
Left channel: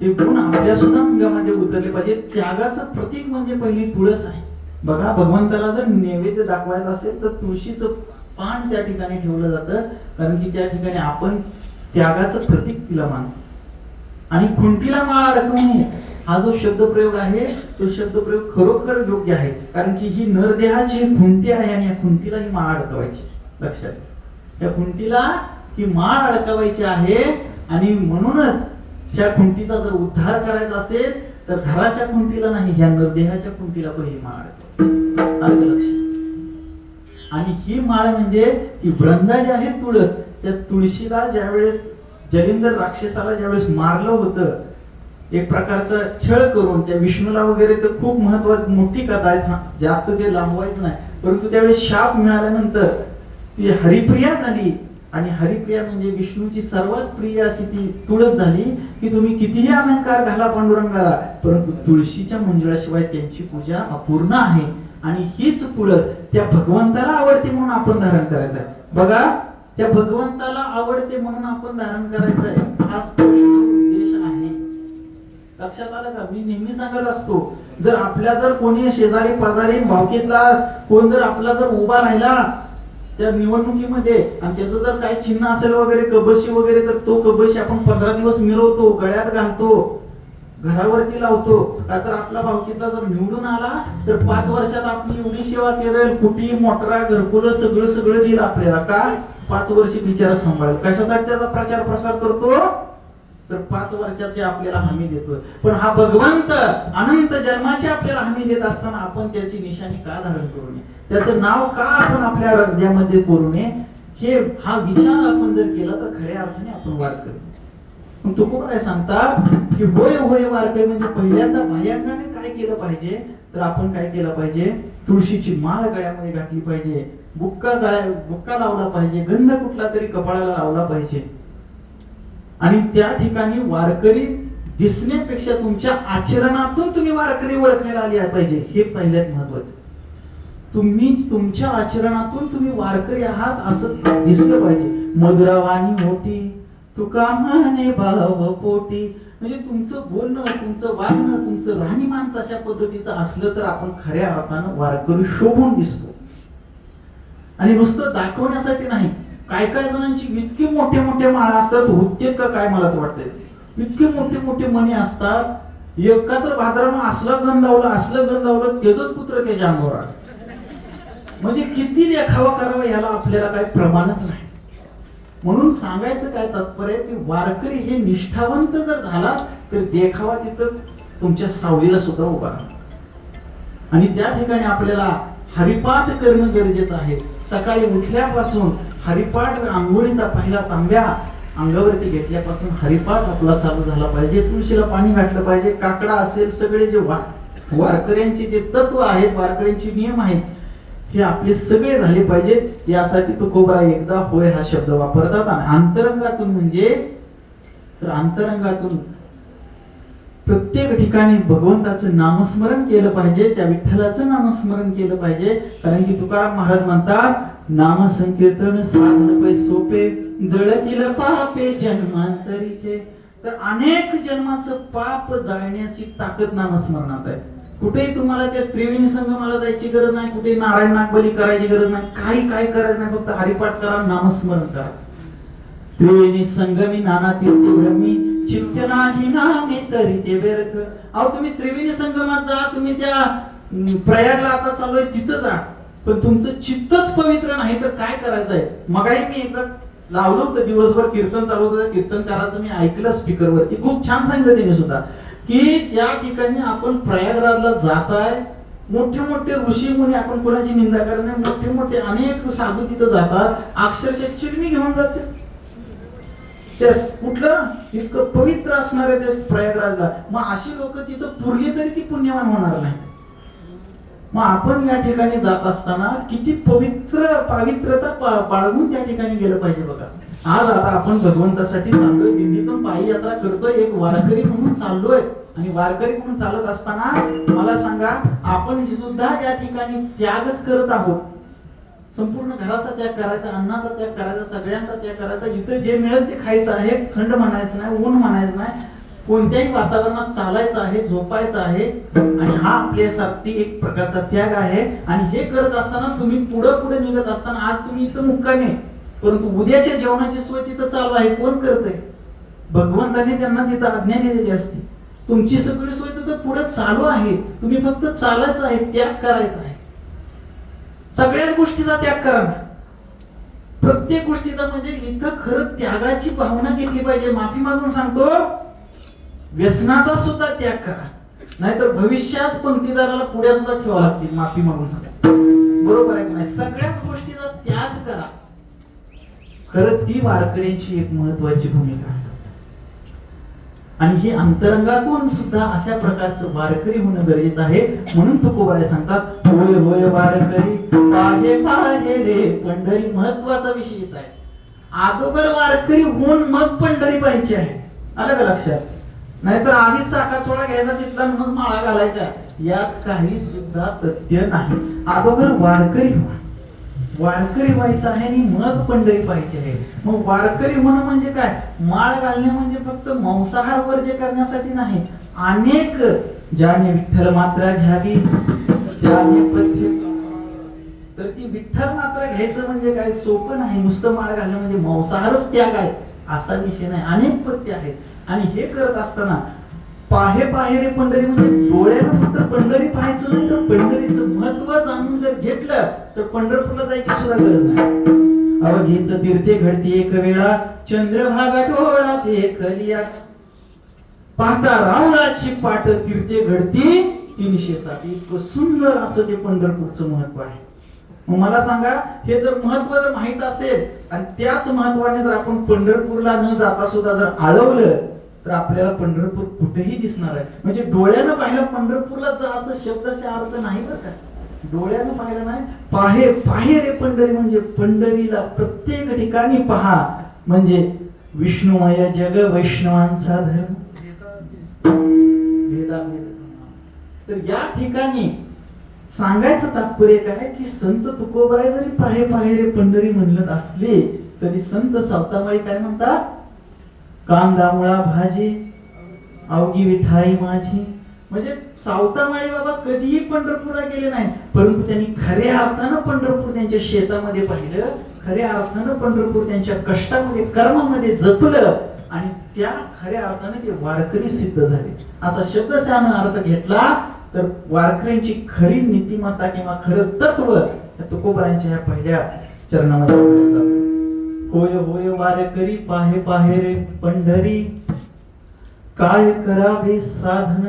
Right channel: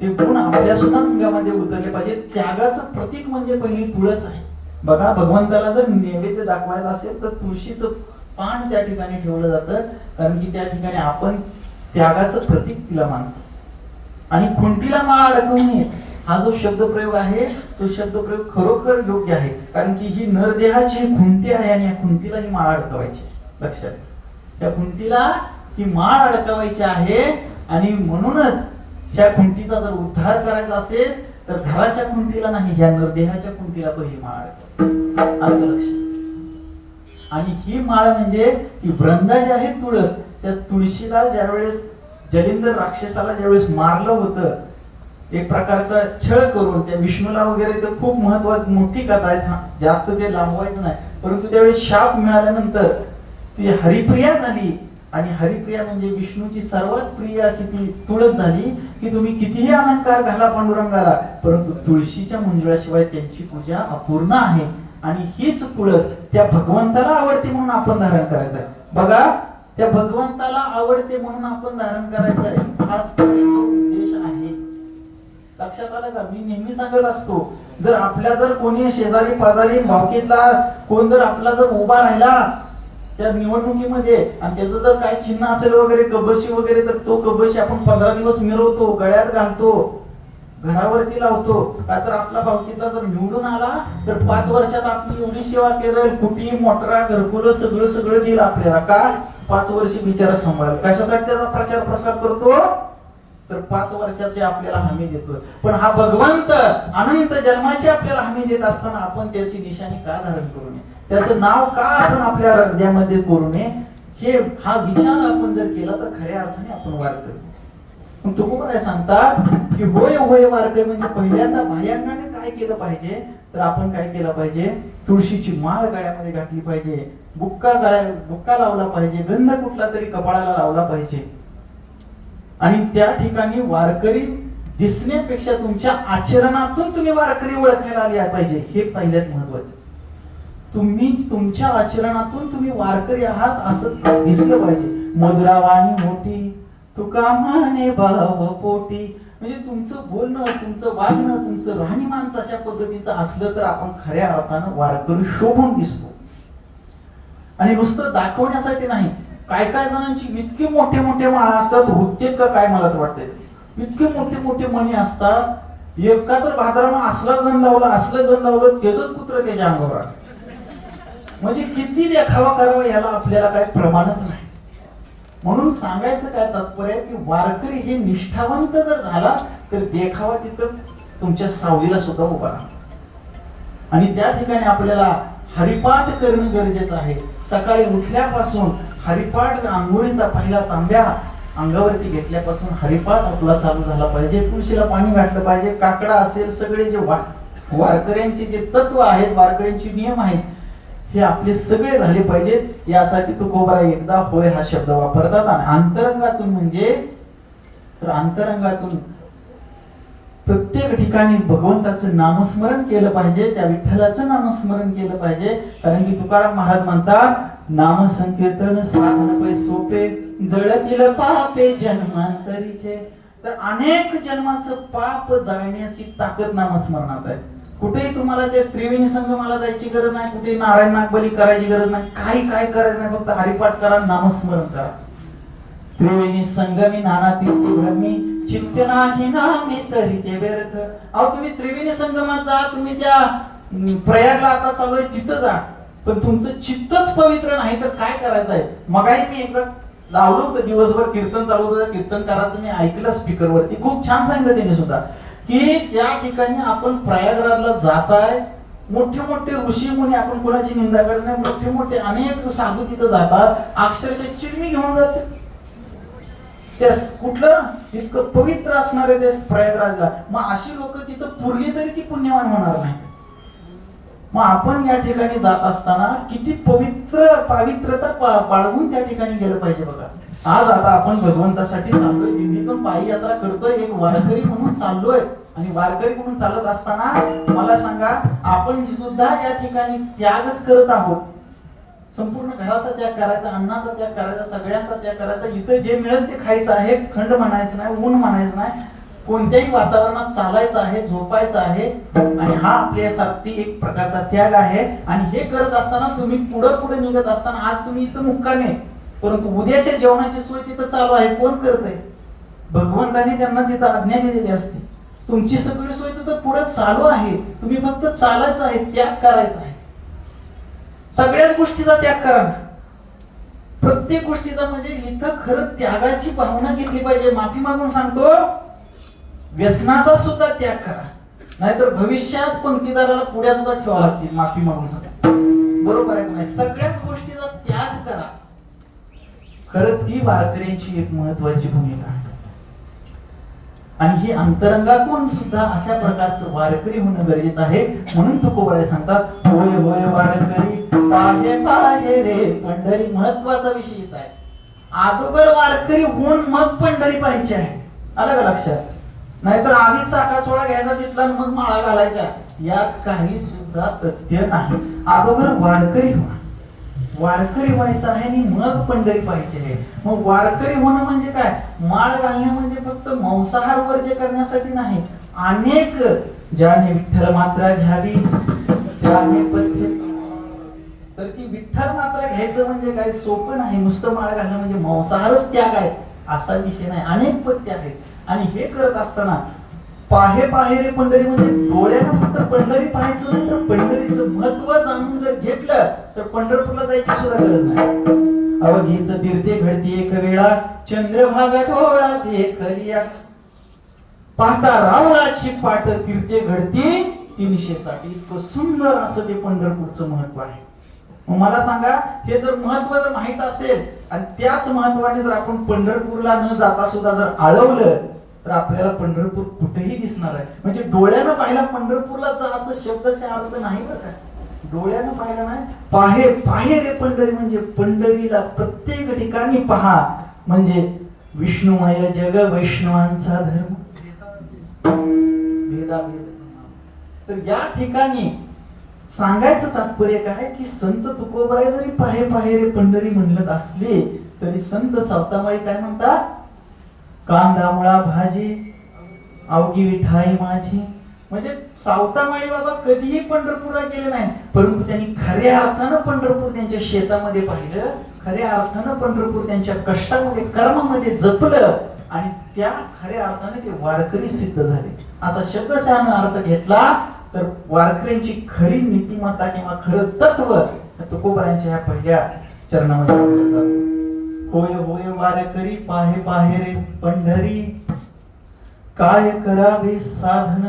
ते गुण आपल्या सुद्धा अंगामध्ये उतरले पाहिजे. त्यागाचं प्रतीक म्हणजे पहिली तुळस आहे. बघा भगवंताला जर नैवेद्य दाखवायचा असेल तर तुळशीचं पान त्या ठिकाणी ठेवलं जातं, कारण की त्या ठिकाणी आपण त्यागाचं प्रतीक तिला मानतो. आणि खुंटीला माळ अडकवणे हा जो शब्दप्रयोग आहे तो शब्दप्रयोग खरोखर योग्य आहे, कारण की ही नरदेहाची खुंटी आहे आणि या खुंटीला ही माळ अडकवायची. लक्षात, त्या खुंटीला ही माळ अडकवायची आहे. आणि म्हणूनच ह्या खुंटीचा जर उद्धार करायचा असेल तर घराच्या खुंटीला नाही, ह्या नरदेहाच्या खुंटीला तो ही माळ अडकवायची. आलं का लक्षात? आणि ही माळ म्हणजे ती वृंदा जी आहे तुळस, त्या तुळशीला ज्यावेळेस जलिंदर राक्षसाला ज्यावेळेस मारलं होतं एक प्रकारचा छळ करून, त्या विष्णूला वगैरे तर खूप महत्वाची मोठी कथा आहे, जास्त ते लांबवायचं नाही. परंतु त्यावेळेस शाप मिळाल्यानंतर ती हरिप्रिया झाली. आणि हरिप्रिया म्हणजे विष्णूची सर्वात प्रिय अशी ती तुळस झाली की तुम्ही कितीही अलंकार घाला पांडुरंगाला, परंतु तुळशीच्या मंजुळाशिवाय त्यांची पूजा अपूर्ण आहे. आणि हीच तुळस त्या भगवंताला आवडते म्हणून आपण धारण करायचं आहे. बघा, त्या भगवंताला आवडते म्हणून आपण धारण करायचं आहे, हाच उद्देश आहे. लक्षात आलं का? मी नेहमी सांगत असतो, जर आपल्या जर कोणी शेजारी पाजारी भावकीतला कोण जर आपला जर उभा राहिला त्या निवडणुकीमध्ये आणि त्याचं जर काय चिन्ह असेल वगैरे कबशी वगैरे, तर तो कबशी आपण 15 दिवस मिरवतो, गळ्यात घालतो, घरावरती लावतो. का तर आपला भावकीतला जर निवडून आला तर 5 वर्षात आपली एवढी सेवा करेल, कुटी मोटरा घरकुल सगळं देईल आपल्याला. का 5 वर्ष बिचारा सांभाळेल. कशासाठी त्याचा प्रचार प्रसार करतो तर 5 वर्षाची आपल्याला हमी देतोय. पण हा भगवंत अनंत जन्माची आपल्याला हमी देत असताना आपण त्याची निशाणी का धारण करू नये, त्याचं नाव का आपण आपल्या हृदयामध्ये करू नये, हा विचार आपण जर केला तर खऱ्या अर्थाने आपण वारकरी. पण तुकोबाराय सांगतात की होय होय वारकरी म्हणजे पहिल्यांदा बाह्यांगाने काय केलं पाहिजे तर आपण काय केलं पाहिजे, तुळशीची माळ गळ्यामध्ये घातली पाहिजे, बुक्का लावला पाहिजे, गंध कुठला तरी कपाळाला लावला पाहिजे. आणि त्या ठिकाणी वारकरी दिसण्यापेक्षा तुमच्या आचरणातून तुम्ही वारकरी ओळखायला आले पाहिजे, हे पहिल्यात महत्वाचं. तुम्ही तुमच्या आचरणातून तुम्ही वारकरी आहात असं दिसलं पाहिजे. मधुरावाणी मोठी तुका म्हणे भाव पोटी, म्हणजे तुमचं बोलणं, तुमचं वागणं, तुमचं राहणीमान तशा पद्धतीचं असलं तर आपण खऱ्या अर्थानं वारकरी शोभून दिसतो. आणि नुसतं दाखवण्यासाठी नाही. काय काय जणांची इतकी मोठे मोठे माळा असतात, होतेत का काय मला तर वाटतंय, इतके मोठे मोठे मणी असतात एका तर भाद्रानं असलं गण लावलं त्याच कुत्र त्याच्या अंगावर आलं. म्हणजे किती देखावा करावा याला आपल्याला काही प्रमाणच नाही. म्हणून सांगायचं काय तात्पर्य आहे की वारकरी हे निष्ठावंत जर झाला तर देखावा तिथं तुमच्या सावलीला सुद्धा उभा राहतो. आणि त्या ठिकाणी आपल्याला हरिपाठ करणं गरजेचं आहे. सकाळी उठल्यापासून हरिपाठ, आंघोळीचा पहिला तांब्या अंगावरती घेतल्यापासून हरिपाठ आपला चालू झाला पाहिजे. तुळशीला पाणी घातलं पाहिजे. काकडा असेल, सगळे जे वारकऱ्यांचे जे तत्व आहेत, वारकऱ्यांचे नियम आहेत, हे आपले सगळे झाले पाहिजेत. यासाठी तुकोबरा एकदा होय हा शब्द वापरतात. आणि अंतरंगातून म्हणजे तर अंतरंगातून प्रत्येक ठिकाणी भगवंताचं नामस्मरण केलं पाहिजे, त्या विठ्ठलाचं नामस्मरण केलं पाहिजे. कारण की तुकाराम महाराज म्हणतात, नाम संकीर्तन साधन पै सोपे, जळतील पापे जन्मांतरीचे. तर अनेक जन्माचं पाप जाळण्याची ताकद नामस्मरणात आहे. कुठेही तुम्हाला ते त्रिवेणी संगमाला जायची गरज नाही, कुठे नारायण नागबली करायची गरज नाही, काही करायचं नाही. फक्त हरिपाठ करा, नामस्मरण करा. त्रिवेणी संगमी नाना तीर्थी ब्रह्मी, चित्त नाही नामे तरी ते व्यर्थ. अहो तुम्ही त्रिवेणी संगमात जा, तुम्ही त्या प्रयागला आता चालू आहे तिथं जा, पण तुमचं चित्तच पवित्र नाही तर काय करायचंय. मगाही मी एकदा लावलो होतं, दिवसभर कीर्तन चालू होतं, कीर्तनकाराचं मी ऐकलं स्पीकरवरती, खूप छान सांगितलं त्यांनी सुद्धा की ज्या ठिकाणी आपण प्रयागराजला जाताय, मोठे मोठे ऋषी मुनी, आपण कोणाची निंदा करत नाही, मोठे मोठे अनेक साधू तिथं जातात, अक्षरशः चिडमी घेऊन जाते. त्या कुठलं इतकं पवित्र असणार आहे त्या प्रयागराजला. मग अशी लोक तिथं पुरली तरी ती पुण्यवान होणार नाही. मग आपण या ठिकाणी जात असताना किती पावित्रता बाळगून त्या ठिकाणी गेलं पाहिजे बघा. आज आता आपण भगवंतासाठी चाललोय, दिंडीतून पायी यात्रा करतोय, एक वारकरी म्हणून चाललोय. आणि वारकरी म्हणून चालत असताना मला सांगा, आपण सुद्धा या ठिकाणी त्यागच करत आहोत. संपूर्ण घराचा त्याग करायचा, अन्नाचा त्याग करायचा, सगळ्यांचा त्याग करायचा. इथं जे मिळेल ते खायचं आहे, थंड म्हणायचं नाही, ऊन म्हणायचं नाही, कोणत्याही वातावरणात चालायचं आहे, झोपायचं आहे. आणि हा आपल्यासाठी एक प्रकारचा त्याग आहे. आणि हे करत असताना तुम्ही पुढे निघत असताना, आज तुम्ही इथं मुक्कामी, परंतु उद्याच्या जेवणाची सोय तिथं चालू आहे. कोण करतंय? भगवंताने त्यांना तिथं आज्ञा दिलेली असते. तुमची सगळी सोय तिथं पुढे चालू आहे. तुम्ही फक्त चालायचं आहे, त्याग करायचा आहे. सगळ्याच गोष्टीचा त्याग करा, प्रत्येक गोष्टीचा. म्हणजे इथं खरं त्यागाची भावना घेतली पाहिजे. माफी मागून सांगतो, व्यसनाचा सुद्धा त्याग करा, नाहीतर भविष्यात पंक्तीदाराला पुढ्या सुद्धा ठेवा लागतील. माफी मागून सांगतो, बरोबर आहे का नाही? सगळ्याच गोष्टीचा त्याग करा. खरं ती वारकऱ्यांची एक महत्वाची भूमिका आहे. आणि ही अंतरंगातून सुद्धा अशा प्रकारचं वारकरी होणं गरजेचं आहे. म्हणून तुकोबाराय सांगतात, होय होय वारकरी पाहे पाहे रे पंढरी. महत्वाचा विषय येत आहे. अगोदर वारकरी होऊन मग पंढरी पाहायची आहे. आलं का लक्षात? नाहीतर आधी चाकाचोळा घ्यायचा तिथला मग माळा घालायचा, यात काही सुद्धा तथ्य नाही. अगोदर वारकरी व्हा, वारकरी व्हायचं आहे आणि मग पंढरी पाहायची आहे. मग वारकरी होणं म्हणजे काय? माळ घालणे म्हणजे फक्त मांसाहार वर्ज्य करण्यासाठी नाही. अनेक ज्याने विठ्ठल मात्रा घ्यावी त्याने पथ्य. तर ती विठ्ठल मात्रा घ्यायचं म्हणजे काय सोपं नाही. नुसतं माळ घालणं म्हणजे मांसाहारच त्याग आहे असा विषय नाही. अनेक पथ्य आहेत. आणि हे करत असताना पाहे पाहे रे पंढरी म्हणजे डोळ्यानं फक्त पंढरी पाहायचं नाही, तर पंढरीचं महत्व जाणून जर घेतलं तर पंढरपूरला जायची सुद्धा गरज नाही. अवघीच तीर्थे घडती एक वेळा, चंद्रभागा डोळा ते करिया, पाहता रावणाची पाठ तीर्थे घडती 360. इतकं सुंदर असं ते पंढरपूरचं महत्व आहे. मग मला सांगा, हे जर महत्व जर माहित असेल आणि त्याच महत्वाने जर आपण पंढरपूरला न जाता सुद्धा जर आळवलं तर आपल्याला पंढरपूर कुठेही दिसणार आहे. म्हणजे डोळ्यानं पाहिलं पंढरपूरला जा असं शब्दशः अर्थ नाही बरं का. डोळ्यानं पाहिलं नाही. पाहे पाहे रे पंढरी म्हणजे पंढरीला प्रत्येक ठिकाणी पहा. म्हणजे विष्णुमय जग वैष्णवांचा धर्म. तर या ठिकाणी सांगायचं तात्पर्य काय की संत तुकोबराय जरी पाहे पाहे रे पंढरी म्हणत असले तरी संत सावतामाळी काय म्हणतात? कांदा मुळा भाजी अवघी विठाई माझी. म्हणजे सावतामाळी बाबा कधीही पंढरपूरला गेले नाहीत, परंतु त्यांनी खऱ्या अर्थानं पंढरपूर त्यांच्या शेतामध्ये पाहिलं, खऱ्या अर्थानं पंढरपूर त्यांच्या कष्टामध्ये कर्मामध्ये जपलं आणि त्या खऱ्या अर्थाने ते वारकरी सिद्ध झाले. असा शब्दशः अर्थ घेतला तर वारकऱ्यांची खरी नीतिमत्ता किंवा खरं तत्व तुकोबारांच्या ह्या पहिल्या चरणामध्ये आपल्याला जातं. होय होय वारकरी पाहे पाहे रे पंढरी, काय करावे साधन,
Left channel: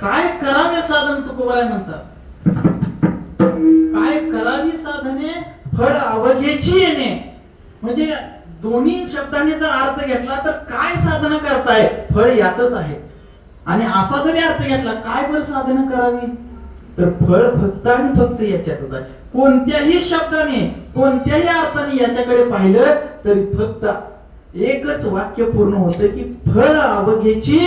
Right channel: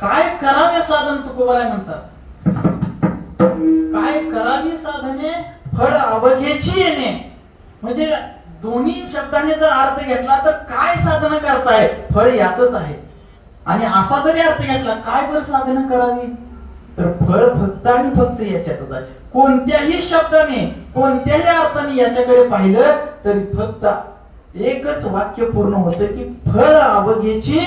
काय करावे साधन तुकोबाराय म्हणतात. काय करावी साधने, फळ अवघेची येणे. म्हणजे दोन्ही शब्दांनी जर अर्थ घेतला तर काय साधना करताय, फळ यातच आहे. आणि असा जरी अर्थ घेतला काय बरं साधना करावी, तर फळ फक्त आणि फक्त याच्यातच आहे. कोणत्याही शब्दाने कोणत्याही अर्थाने याच्याकडे पाहिलं तरी फक्त एकच वाक्य पूर्ण होतं की फळ अवघेची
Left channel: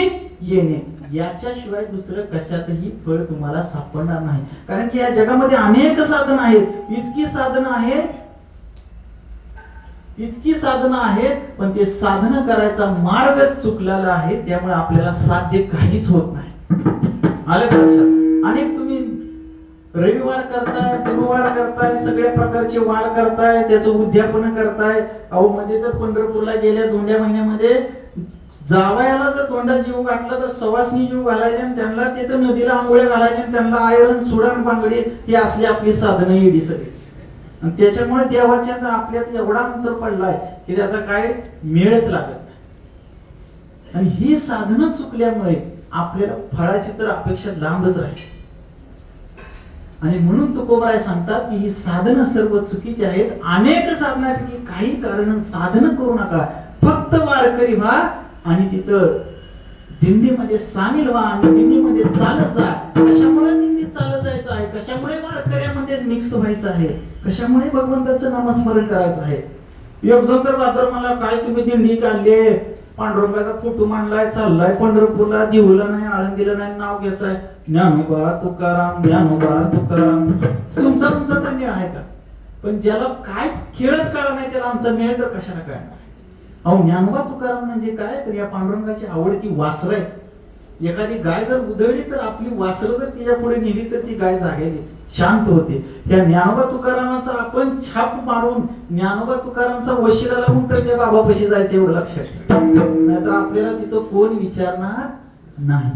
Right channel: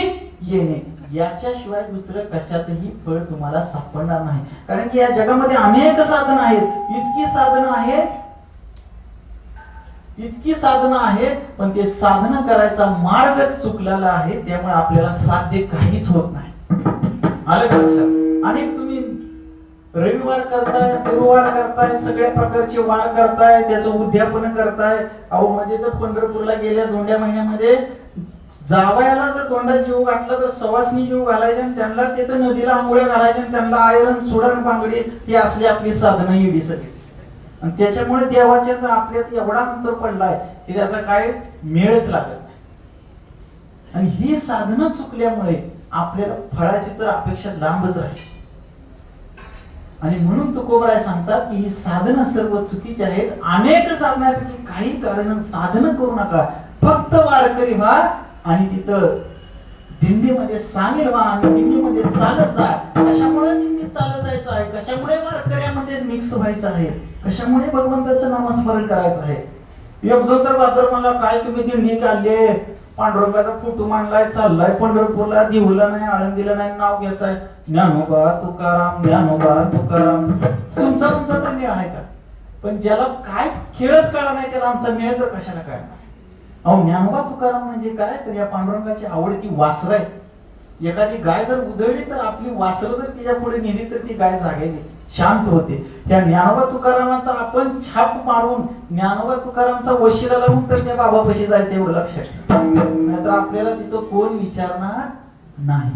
येणे. याच्याशिवाय दुसरं कशातही फळ तुम्हाला सापडणार नाही. कारण की या जगामध्ये अनेक साधनं आहेत, इतकी साधनं आहेत, पण ते साधन करायचा मार्गच चुकलेला आहे. त्यामुळे आपल्याला साध्य काहीच होत नाही. आलं का लक्षात? अनेक तुम्ही रविवार करताय, गुरुवार करताय, सगळ्या प्रकारचे वार करताय, त्याचं उद्यापन करताय. अहो मध्ये तर पंढरपूरला गेल्या दोंड्या महिन्यामध्ये जावयाला जर तोंडात जीव घातला तर सवासनी जीव घालायचे आणि त्यांना तिथं नदीला आंघोळ्या घालायच्या आणि त्यांना आयरन सुडण बांगडी ही असली आपली साधनं येडी सगळी. आणि त्याच्यामुळे देवाच्या आपल्यात एवढा अंतर पडलाय की त्याचा काय मेळच लागत नाही. आणि ही साधनं चुकल्यामुळे आपल्याला फळाची तर अपेक्षा लांबच राहील. आणि म्हणून तुकोबाराय सांगतात की ही साधनं सर्व चुकीची आहेत. अनेक साधनांपैकी काही कारण साधनं करू नका, फक्त वारकरी व्हा आणि तिथं दिंडीमध्ये सामील व्हा आणि दिंडीमध्ये चालत जा. कशामुळे दिंडीत चालत जायचं आहे, कशामुळे वारकऱ्यामध्येच मिक्स व्हायचं आहे, कशामुळे भगवंताचं नामस्मरण करायचं आहे. एक जो तर बादर मला काय तुम्ही दिंडी काढली, पांडुरंगाचा फोटो मांडलाय, चाललाय पंढरपूरला, देऊला नाही, आळंदीला नाही, नाव घेताय ज्ञानोबा तुकाराम, ज्ञानोबा तुकाराम. तुमचा तर मेळ आहे का? पण ज्याला कायच खेळच कळला नाही त्याला आमचा मेळ तर कशाला काय? अहो ज्ञानोबा तुकाराम म्हणजे काय, तर या पांडुरंगाची आवडती वासर आहे. एखादी गाय जर उधळली तर आपली वासर जर तिच्या पुढे नेली तर ती गाय जागेली, शांत होते. त्या ज्ञानोबा तुकारामाचा आपण छाप मारून ज्ञानोबा तुकारामचा वशिला लावून तर त्या बाबापाशी जायचं एवढं लक्षात ठेवा. नाहीतर आपल्याला तिथं कोण विचारणार नाही.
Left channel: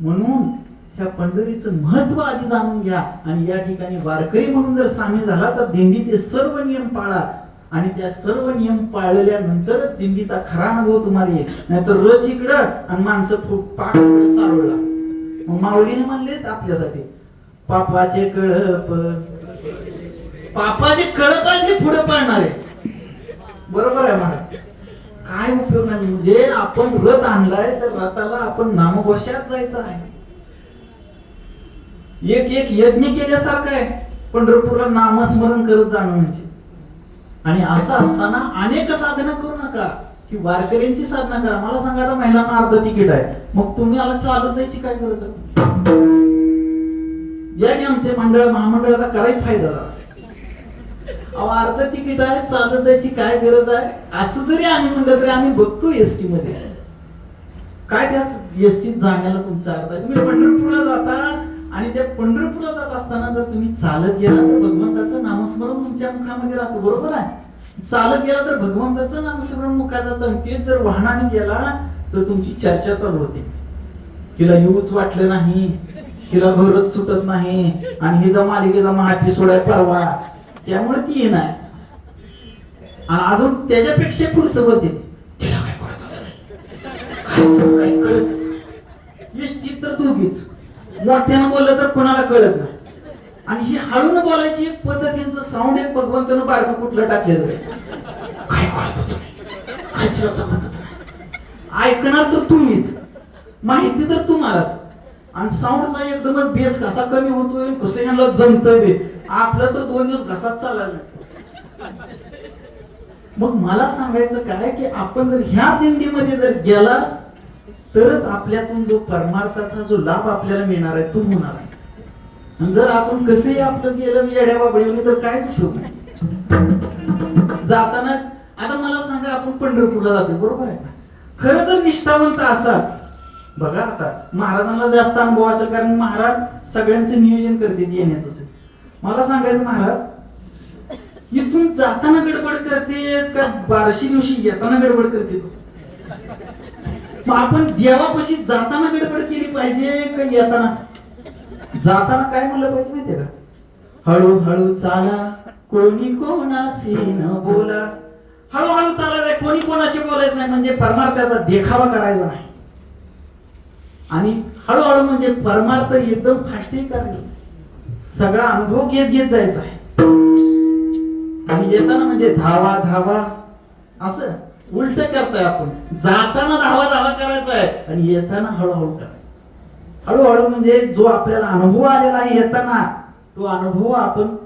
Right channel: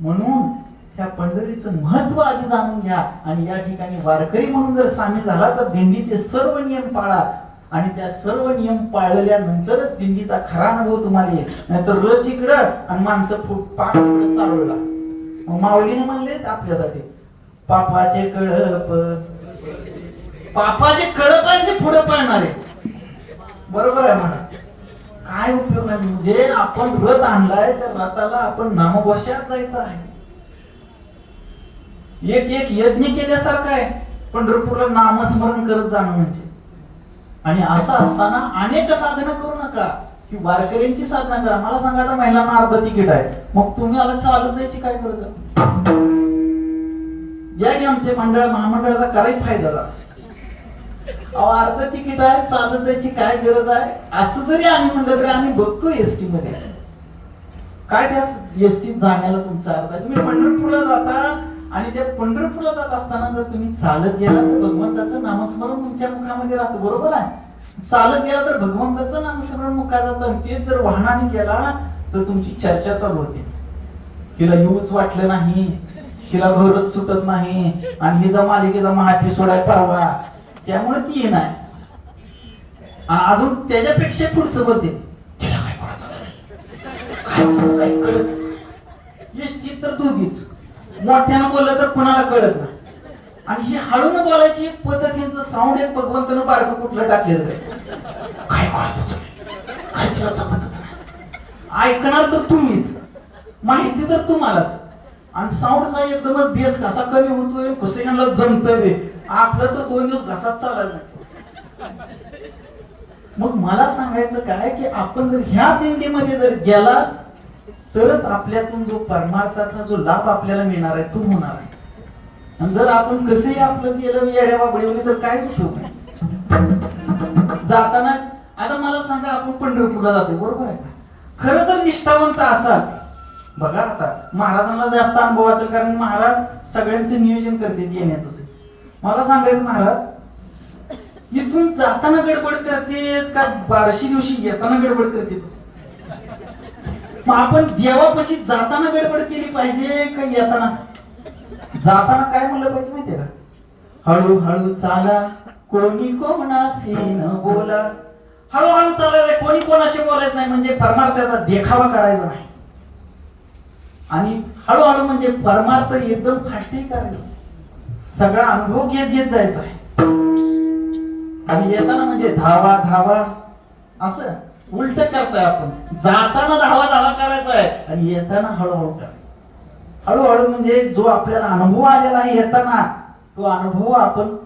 म्हणून त्या पंढरीचं महत्व आधी जाणून घ्या आणि या ठिकाणी वारकरी म्हणून जर सामील झाला तर दिंडीचे सर्व नियम पाळा. आणि त्या सर्व नियम पाळल्यानंतरच दिंडीचा खरा अनुभव तुम्हाला येईल. नाहीतर रथ इकडं आणि माणसं पाक सारवला. माऊलीने म्हणलेच आपल्यासाठी पापाचे कळप आहे पुढे पळणार आहे. बरोबर आहे म्हणा, काय उपयोग नाही. म्हणजे आपण रथ आणलाय तर रथाला आपण नामघोषात जायचं आहे. एक यज्ञ केल्यासारखं आहे पंढरपूरला नामस्मरण करत जाणं म्हणजे. आणि असं असताना अनेक साधना करू नका की वारकऱ्यांची साधना करा. मला सांगा आता महिलांना अर्ध तिकीट आहे, मग तुम्ही आला चालत जायची काय गरज आहे? या की आमचे महामंडळाचा करायचा फायदा झाला. अर्ध तिकीट आहे, चालत जायची काय गरज आहे? असं जरी आम्ही म्हणलं तरी आम्ही बघतो एसटी मध्ये काय त्याच एसटीत जाण्याला तुमचा अर्थ आहे. तुम्ही पंढरपूरला जाता आणि त्या पंढरपूरला जात असताना जर तुम्ही चालत गेला तर भगवंताचं नामस्मरण तुमच्या मुखामध्ये राहतं. बरोबर आहे. चालत गेला तर भगवंताचं नामस्मरण मुखात जातं. तेच जर वाहनाने गेला तर तुमची चर्चा चालू होते. तिला येऊच वाटलं नाही, तिला घरच सुटत नाही आणि हिचा मालिकेचा महाएपिसोड आहे परवा, त्यामुळे ती येणार. आणि अजून त्याच्यापेक्षा पुढचं बोलते तिला काय कळतच नाही. एसटीत तर दोघीच मोठ्यानं बोललं तर कोणाला कळत नाही. आणि ही हळून बोलायची पद्धतीचं साऊंड एक भगवंतानं बारकं कुठलं टाकलेलं काय कळतच काय तुला जमतच नाही. ऐकणार तर तुम्हीच, माहिती तर तुम्हालाच. आणि साऊंडचा एकदमच बेस कसा कमी होतोय, कसं यांना जमतंय. आपलं तर 2 दिवस घसाच चालायला. मग मला सांगायचं काय की आपण जर ह्या दिंडीमध्ये जर गेला तरच आपल्यातून जो परमार्थाचा जो लाभ आपल्याला मिळणार आहे तो होणार आहे. आणि जर आपण कसंही आपलं गेलं येड्या बाबड्यावली तर कायच उपयोग नाही. जाताना आता मला सांगा, आपण पंढरपूरला जातो बरोबर आहे. खरं जर निष्ठावंत असाल, बघा आता महाराजांना जास्त अनुभव असेल कारण महाराज सगळ्यांचं नियोजन करतात येण्याचं. मला सांगायचं महाराज इथून जाताना गडबड करते का 12शी दिवशी येताना गडबड करते? मग आपण देवापाशी जाताना गडबड केली पाहिजे का येताना? जाताना काय म्हणलं पाहिजे माहितीये का? हळूहळू चाला, कोणी कोणाशी न बोला. हळूहळू चालायचं, कोणी कोणाशी बोलायचं नाही, म्हणजे परमार्थाचा देखावा करायचा नाही. आणि हळूहळू म्हणजे परमार्थ एकदम फास्टी करायचा, सगळा अनुभव घेत घेत जायचा आहे. आणि येताना म्हणजे धावा धावा, असं उलट करताय आपण. जाताना धावा धावा करायचा आहे आणि येताना हळूहळू करायचं. हळूहळू म्हणजे जो आपल्याला अनुभव आलेला आहे येताना, तो अनुभव आपण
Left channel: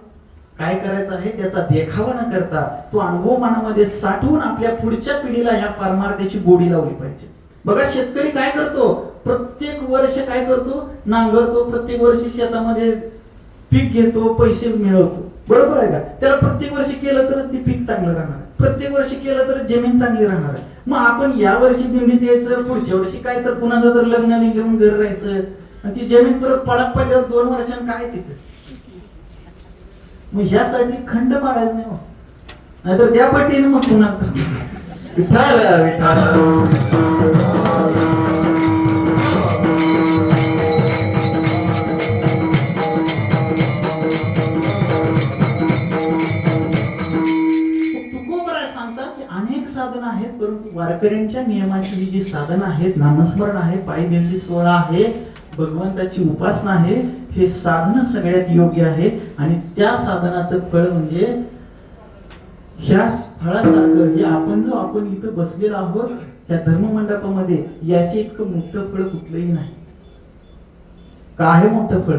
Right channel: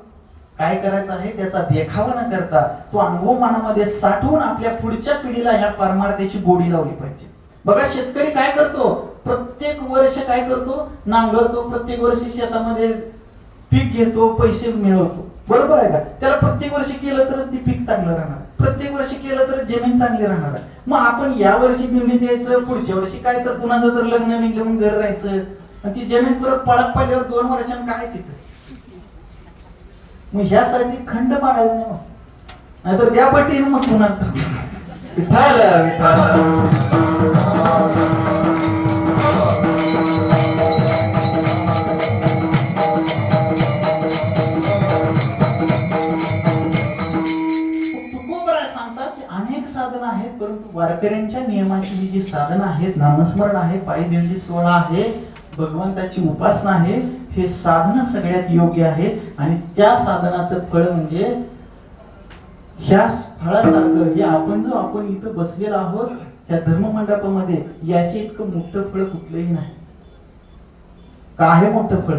काय करायचा आहे, त्याचा देखावा न करता तो अनुभव मनामध्ये साठवून आपल्या पुढच्या पिढीला ह्या परमार्थाची गोडी लावली पाहिजे. बघा शेतकरी काय करतो, प्रत्येक वर्ष काय करतो, नांगरतो, प्रत्येक वर्षी शेतामध्ये पीक घेतो, पैसे मिळवतो, बरोबर आहे का? त्याला प्रत्येक वर्षी केलं तरच ती पीक चांगलं राहणार, प्रत्येक वर्षी केलं तर जमीन चांगली राहणार आहे. मग आपण या वर्षी दिंडीत यायचं, पुढच्या वर्षी काय तर कुणाचं तर लग्न निघून घर राहायचं, आणि ती जमीन परत पडत पडल्यावर 2 वर्षांनी काय तिथं? मग ह्यासाठी खंड पाडायचं नाही, मग नाहीतर त्या पटीने मग पुन्हा विठाला विठाला. अनेक साधनं आहेत, परंतु वारकऱ्यांच्या नियमाची जी साधनं आहेत, नामस्मरण आहे, पायदिंडी सोहळा आहे, भगवंताची उपासना आहे, हे साधन सगळ्यात योग्य आहे. आणि त्या साधनाचं फळ म्हणजे ह्या फळासारखं, हे आपण इथं बसलेलो आहोत त्या धर्ममंडपामध्ये, याचे इतकं मोठं फळ कुठलंही नाही. काय मोठं फळ?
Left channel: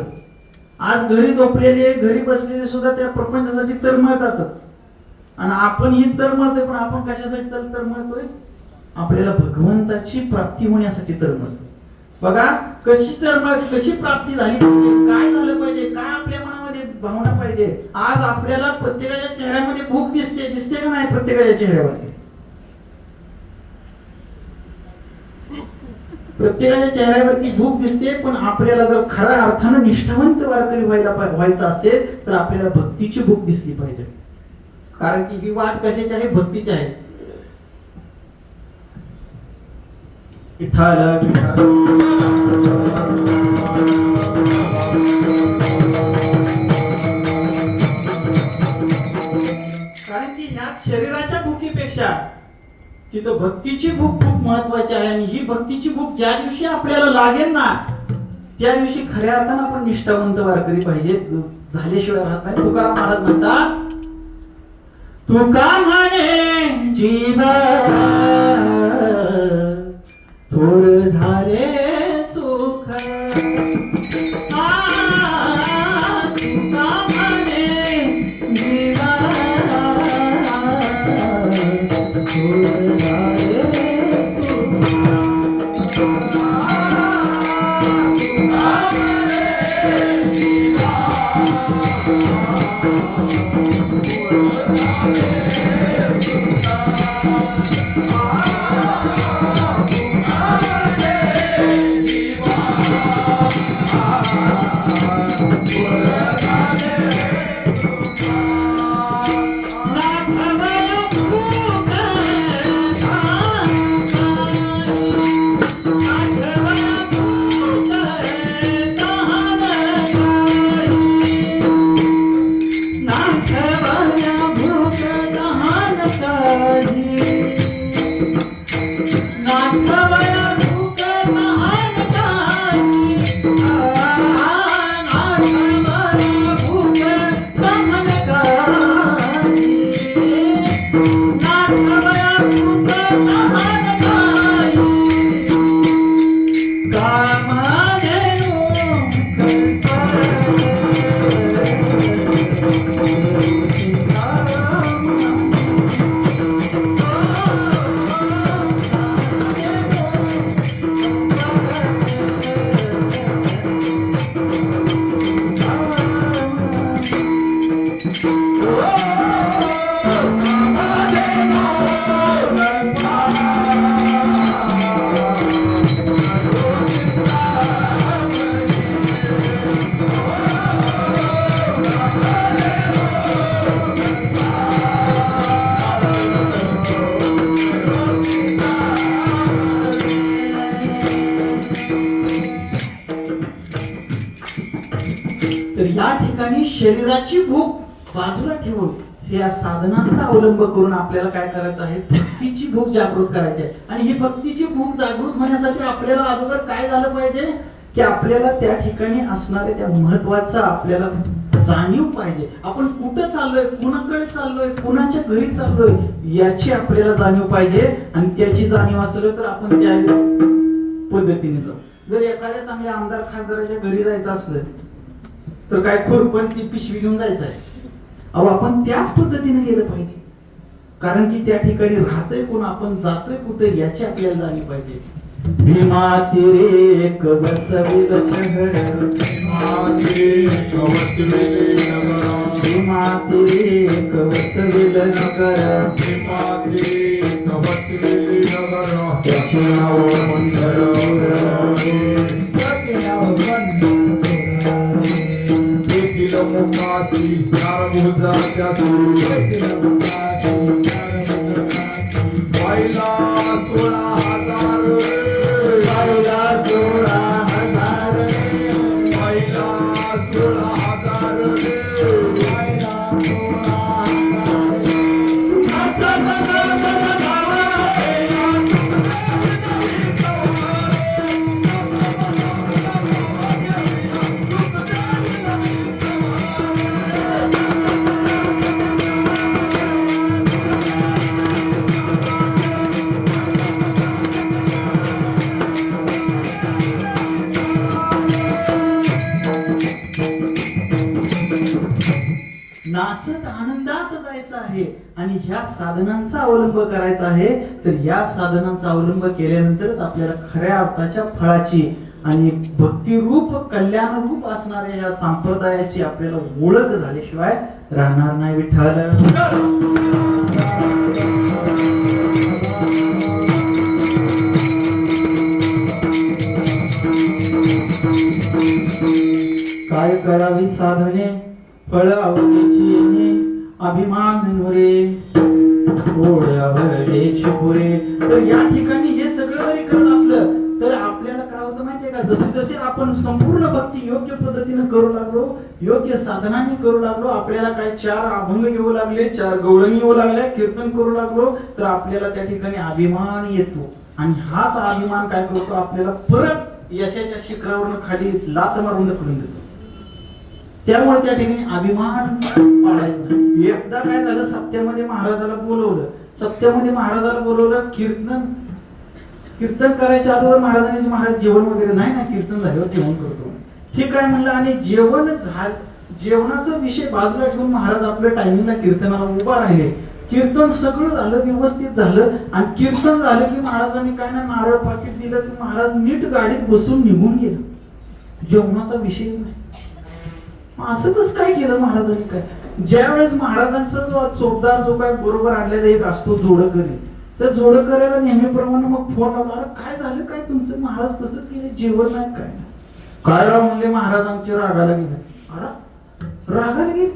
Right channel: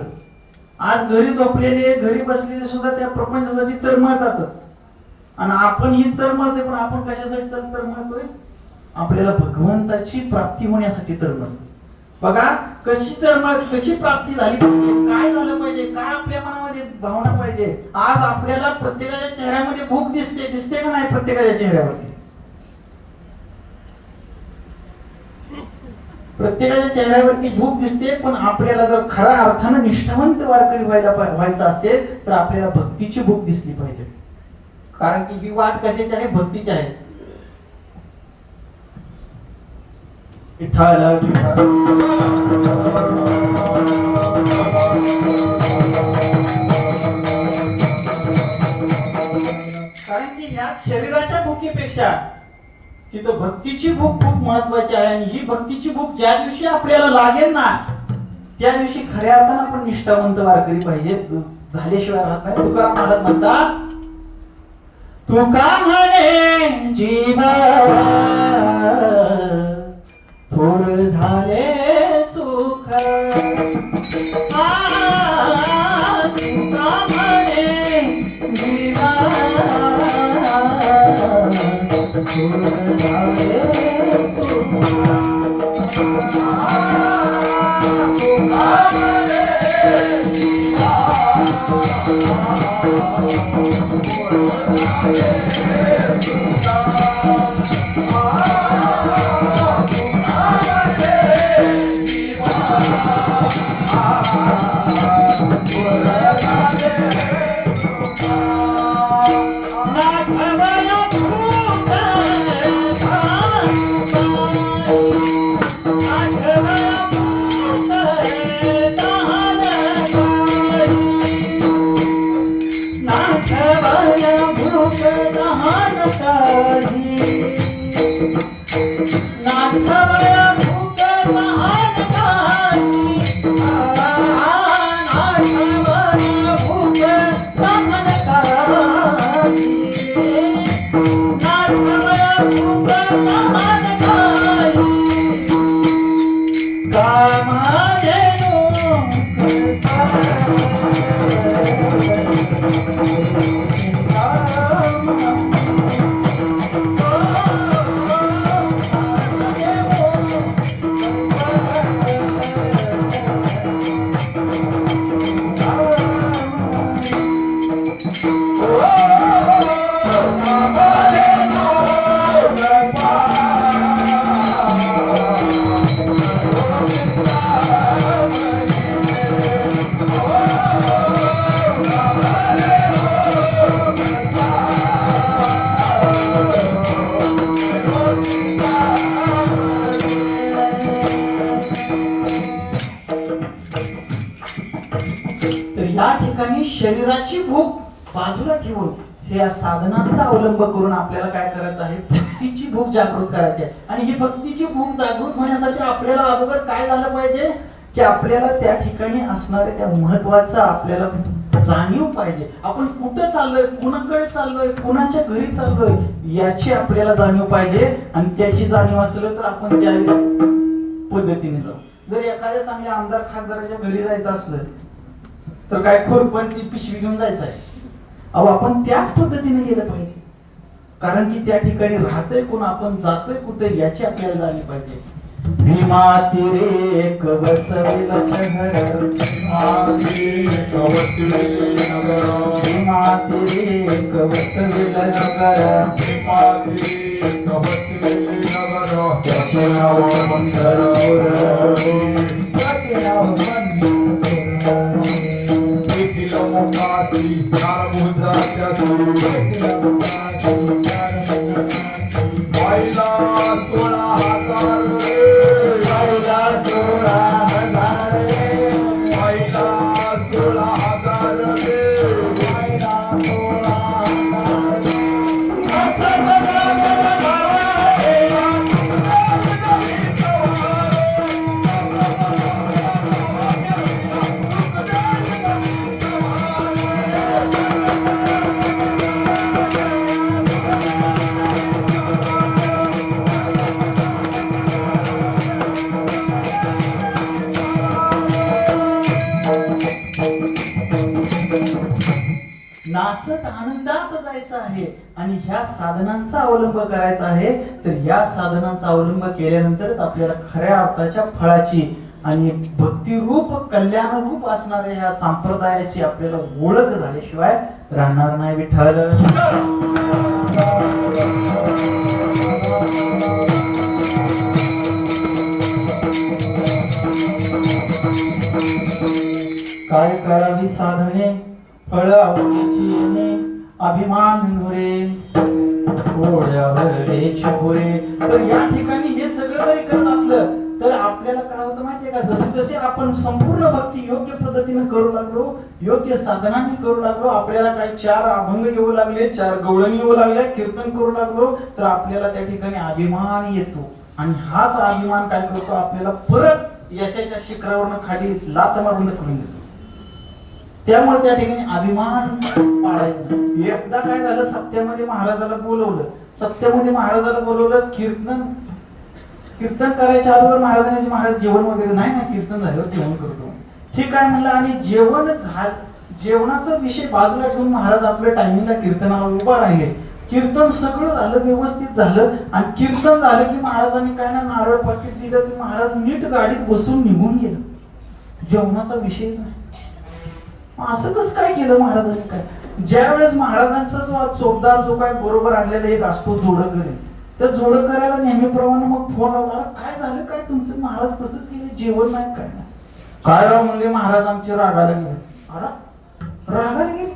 आज घरी झोपलेले, घरी बसलेले सुद्धा त्या प्रपंचासाठी तळमळतातच. आणि आपण ही तळमळतोय, पण आपण कशासाठी तळमळतोय? आपल्याला भगवंताची प्राप्ती होण्यासाठी तळमळतोय. बघा कशी प्राप्ती झाली पाहिजे, काय झालं पाहिजे, काय आपल्या मनामध्ये भावना पाहिजे. आज आपल्याला प्रत्येकाच्या चेहऱ्यामध्ये भूक दिसते का नाही? प्रत्येकाच्या चेहऱ्यावरती, प्रत्येकाच्या चेहऱ्यावरती भूक दिसते. पण आपल्याला जर खऱ्या अर्थानं निष्ठावंत वारकरी व्हायचं असेल तर आपल्याला भक्तीची भूक दिसली पाहिजे. कारण की ही वाट कशाची आहे? भक्तीची आहे. विठाला विठाला. कारण की या शरीराच्या भुकीपेक्षा तिथं भक्तीची भूक खूप महत्वाची आहे. आणि ही भक्तीची भूक ज्या दिवशी आपल्याला लागेल ना, त्या दिवशी खऱ्या अर्थानं आपण निष्ठावंत वारकरी पाहिजे, झाल्याशिवाय राहत नाही. तुकाराम महाराज म्हणतात, तुका म्हणे जीवा थोर झाले सुख, तुका म्हणे जीवा थोर झाले तर या ठिकाणी शरीराची भूक बाजूला ठेवून या साधनांचा अवलंब करून आपल्याला काय करायचं आहे, भक्तीची भूक जागृत करायची आहे. आणि ही भक्तीची भूक जागृत होण्यासाठी आपल्याला अगोदर काय झालं पाहिजे की आपल्याला त्या ठिकाणी असणाऱ्या त्या महत्वाचं आपल्याला जाणीव पाहिजे. आपण कुठं चाललोय, कुणाकडे चाललोय, कुणाच्या घरी चाललोय याची आपल्याला जाणीव पाहिजे. आणि त्याची जाणीव असलं तर आपण त्या पद्धतीने जाऊ. जर एखाद्या चांगल्या आमदार खासदाराच्या घरी जायचं असलं तर काय खुरपण ती पिशवी घेऊन जायचं आहे. अहो आपण त्याच पद्धतीने गेलं पाहिजे. कारण की त्या ठिकाणी राहतोय कोण, आपण जातोय कुठे याची आपल्याला जाणीव पाहिजे. भीमा तीरे एक बसविल शहर, भीमा तीरे एक बसविल नगर, भीमा तीरे एक बसविल नगर, त्याचे नाव मंदर, त्याचे नाव मुखासी नारमुजाच्या सुरेला वाईला 16,000 वाईला 16,000 वाईला नाचत आनंदात जायचं आहे आणि ह्या साधनांचा अवलंब करायचा आहे. तर या साधनांचा अवलंब केल्यानंतरच आपल्याला खऱ्या अर्थाच्या फळाची आणि भक्तिरूप कल्याणरूप असणाऱ्या ह्या संप्रदायाची आपल्याला ओळख झाल्याशिवाय राहणार नाही. विठ्ठल काय करावी साधने फळ आवडीची येणे, अभिमान मुरे ओढ्यावरची पुरे. तर या ठिकाणी हे सगळं जरी करत असलं तर आपल्याला काय होतं माहितीये का, जसे जसे आपण संपूर्ण भक्ती योग्य पद्धतीने करू लागलो, योग्य साधनांनी करू लागलो, आपल्याला काही 4 अभंग येऊ लागले, 4 गवळणी येऊ लागल्या, कीर्तन करू लागलो, तर आपल्याला त्या ठिकाणी अभिमान येतो. आणि हाच अभिमान काय करतो, आपल्याला परत यशाच्या शिखरावरून खाली लात मारून ढकलून देतो. त्यामुळे त्या ठिकाणी अभिमान पाळायचा. एकदा काय झालं, सत्यामध्ये महाराजाला बोलवलं, कीर्तन करायच्या अगोदर महाराजांनी, महाराज जेवण वगैरे नाही, कीर्तन झाल्यावर जेवण करतो. ठीक आहे म्हणलं. आणि जेवणाचा विषय बाजूला ठेवून महाराज आपल्या टायमिंगला कीर्तनाला उभा राहिले. कीर्तन सगळं झालं, व्यवस्थित झालं. आणि कीर्तन झालं की महाराजांनी काय ना नारळ पाकिट दिलं की महाराज नीट गाडीत बसून निघून गेलं. जेवणाचा विषयच नाही. असं कसं काय केलं महाराजांनी? काय ज्या वेळेस महाराजांचा जो चोपदार जो काय बरोबर आणलेला एक असतो जोडकरी, तर जोडकऱ्याला नेहमीप्रमाणे मग फोन आला, काय झालं, काय तुमचं महाराज तसंच गेले, जेवण नाही काय राव म्हणजे महाराज आमची रागाला गेले. रागाला गेले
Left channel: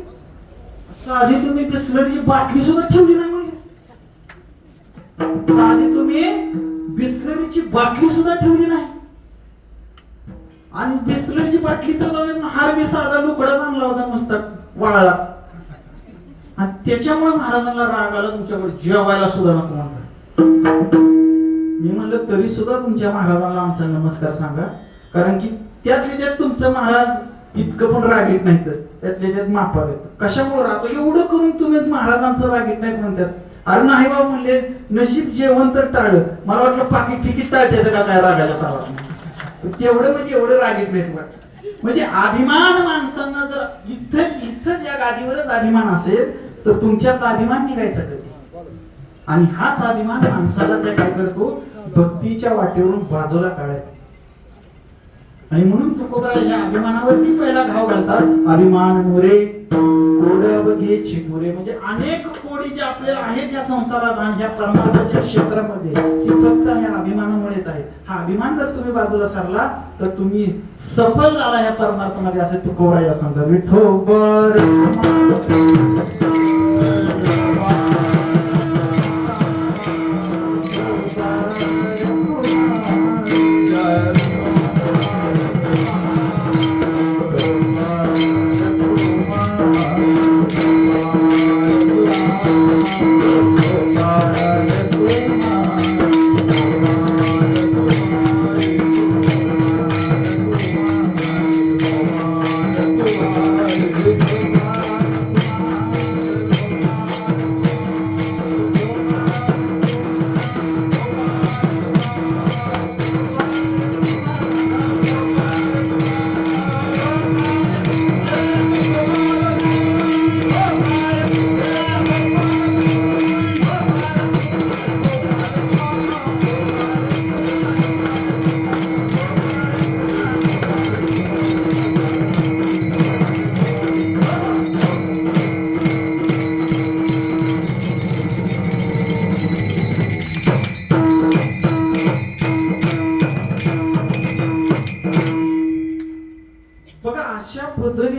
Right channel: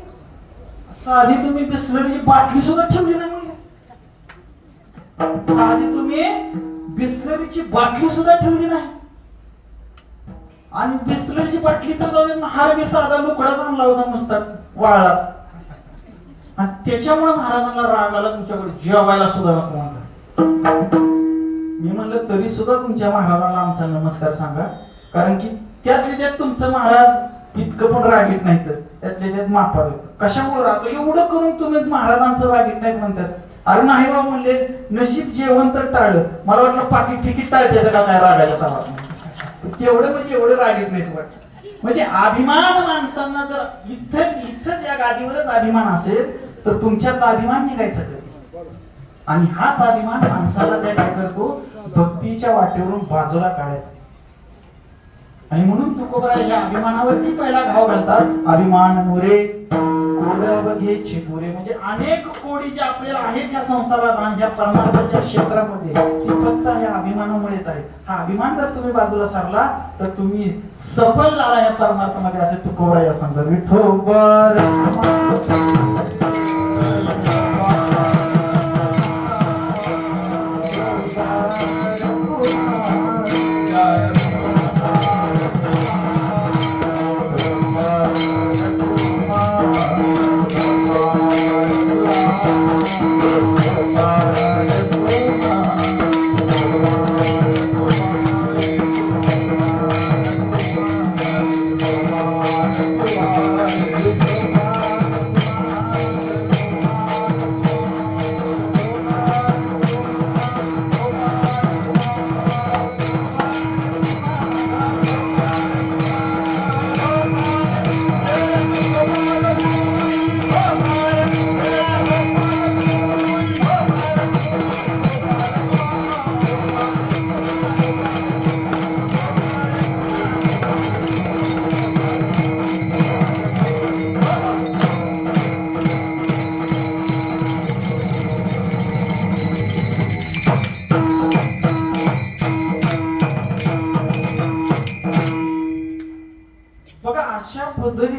साधी तुम्ही बिस्लरीची बाटली सुद्धा ठेवली नाही म्हणजे, साधी तुम्ही बिस्लरीची बाटली सुद्धा ठेवली नाही. आणि बिस्लरीची बाटली तर हार बी साधा लुकडाच आणला होता नुसता वाळलाच. आणि त्याच्यामुळे महाराजांना राग आला, तुमच्याकडे जेवायला सुद्धा नको म्हणलं. मी म्हणलं तरी सुद्धा तुमच्या महाराजांना आमचा नमस्कार सांगा, कारण की त्यातले त्यात तुमचं महाराज इतकं पण रागीट नाही, तर त्यातल्या त्यात मापा देत. कशामुळे राहतो एवढं करून तुम्ही महाराजांचं रागीट नाहीत म्हणतात. अरे नाही बाबा म्हणले, नशीब जेवण तर टाळलं, मला वाटलं पाकिट फिकीट टाळते का काय रागायला तावा. तेवढं म्हणजे एवढं रागीत नाही वाटत. म्हणजे अभिमान माणसांना जर इथंच या गादीवरच अभिमान असेल तर तुमच्यात अभिमान निघायचा कधी. आणि हाच अभिमान माणसाला काय करतो, भक्तीच्या वाटेवरून बाजूला काढायचा. आणि म्हणून तुकोबरा या अभिमानावरती पहिला घाव घालतात. अभिमान मोरे कोड्यावघेची मोरे, म्हणजे अनेक कोडी जे आपल्याला आहेत या संसारात आणि ह्या परमार्थाच्या क्षेत्रामध्ये, ती फक्त ह्या अभिमानामुळेच आहे. हा अभिमान जर तुम्ही बाजूला सारला तर तुम्ही सफल झाला या परमार्थामध्ये, असे तुकोबरा या सांगतात. विठोबर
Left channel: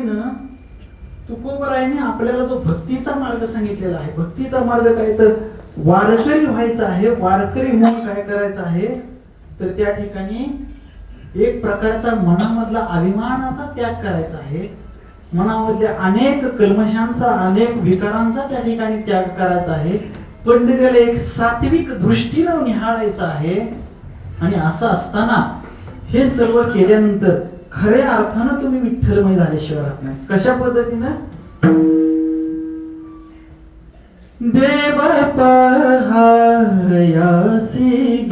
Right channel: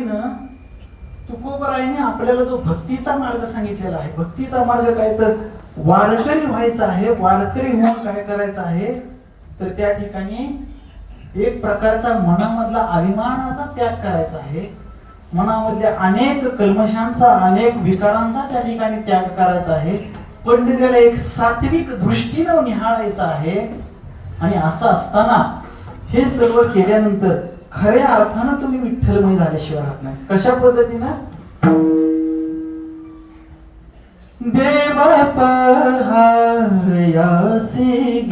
पद्धतीनं तुकोबरायांनी आपल्याला जो भक्तीचा मार्ग सांगितलेला आहे, भक्तीचा मार्ग काय तर वारकरी व्हायचा आहे. वारकरी होऊन काय करायचं आहे तर त्या ठिकाणी एक प्रकारचा मनामधला अभिमानाचा त्याग करायचा आहे. मनामधल्या अनेक कल्मशांचा, अनेक विकारांचा त्या ठिकाणी त्याग करायचा आहे. पंडिताला एक सात्विक दृष्टीनं निहाळायचं आहे. आणि असं असताना हे सर्व केल्यानंतर खऱ्या अर्थानं तुम्ही विठ्ठलमय झाल्याशिवाय राहत नाही. कशा पद्धतीनं? देव पहायासी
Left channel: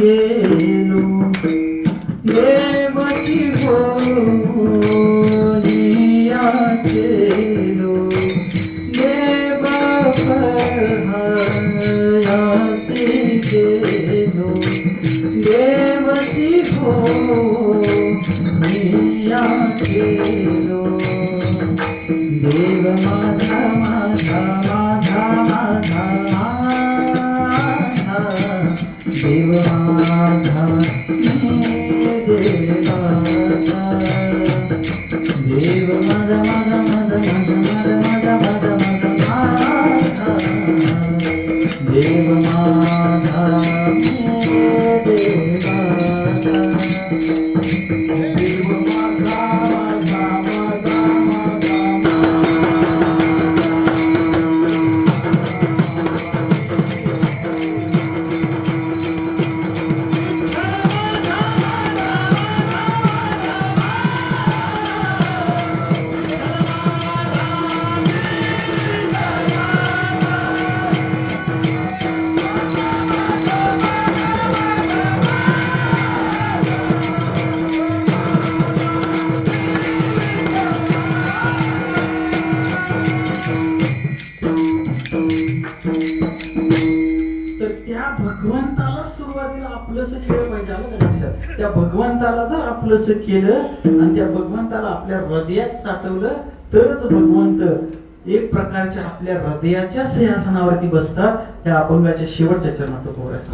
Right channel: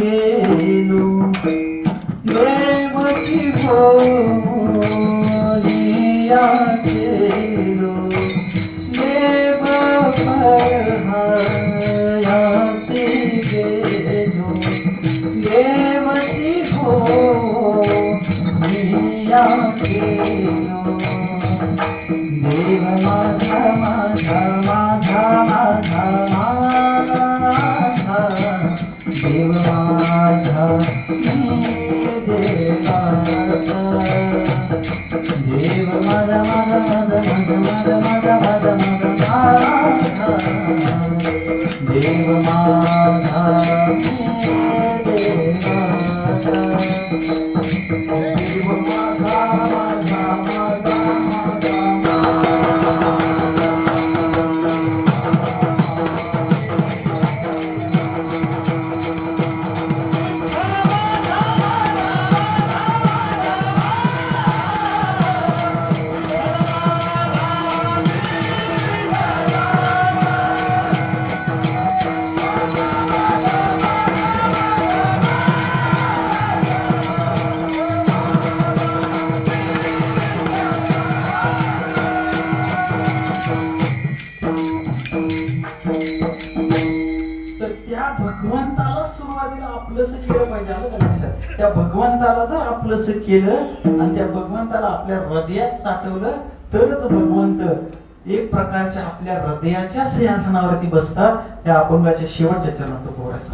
गेलो, देवची भोलिया गेलो, देव पहायासी गेलो, देवची भोलिया गेलो, देव माझा माझा माझा माझा माझा, देव माझा देवाचा, देव माझा माझा माझा माझा माझा माझा माझा देव माझा भगवंताला जर आपलंसं केलं आणि त्या भगवंताला आपल्या हृदयात साठवलं तरच भगवंत एक प्रकारच्या आपल्या हृदयाच्या सिंहासनावरती बसतात. त्या अपंगाच्या शेवटच्या चरणात तो पोरायचा.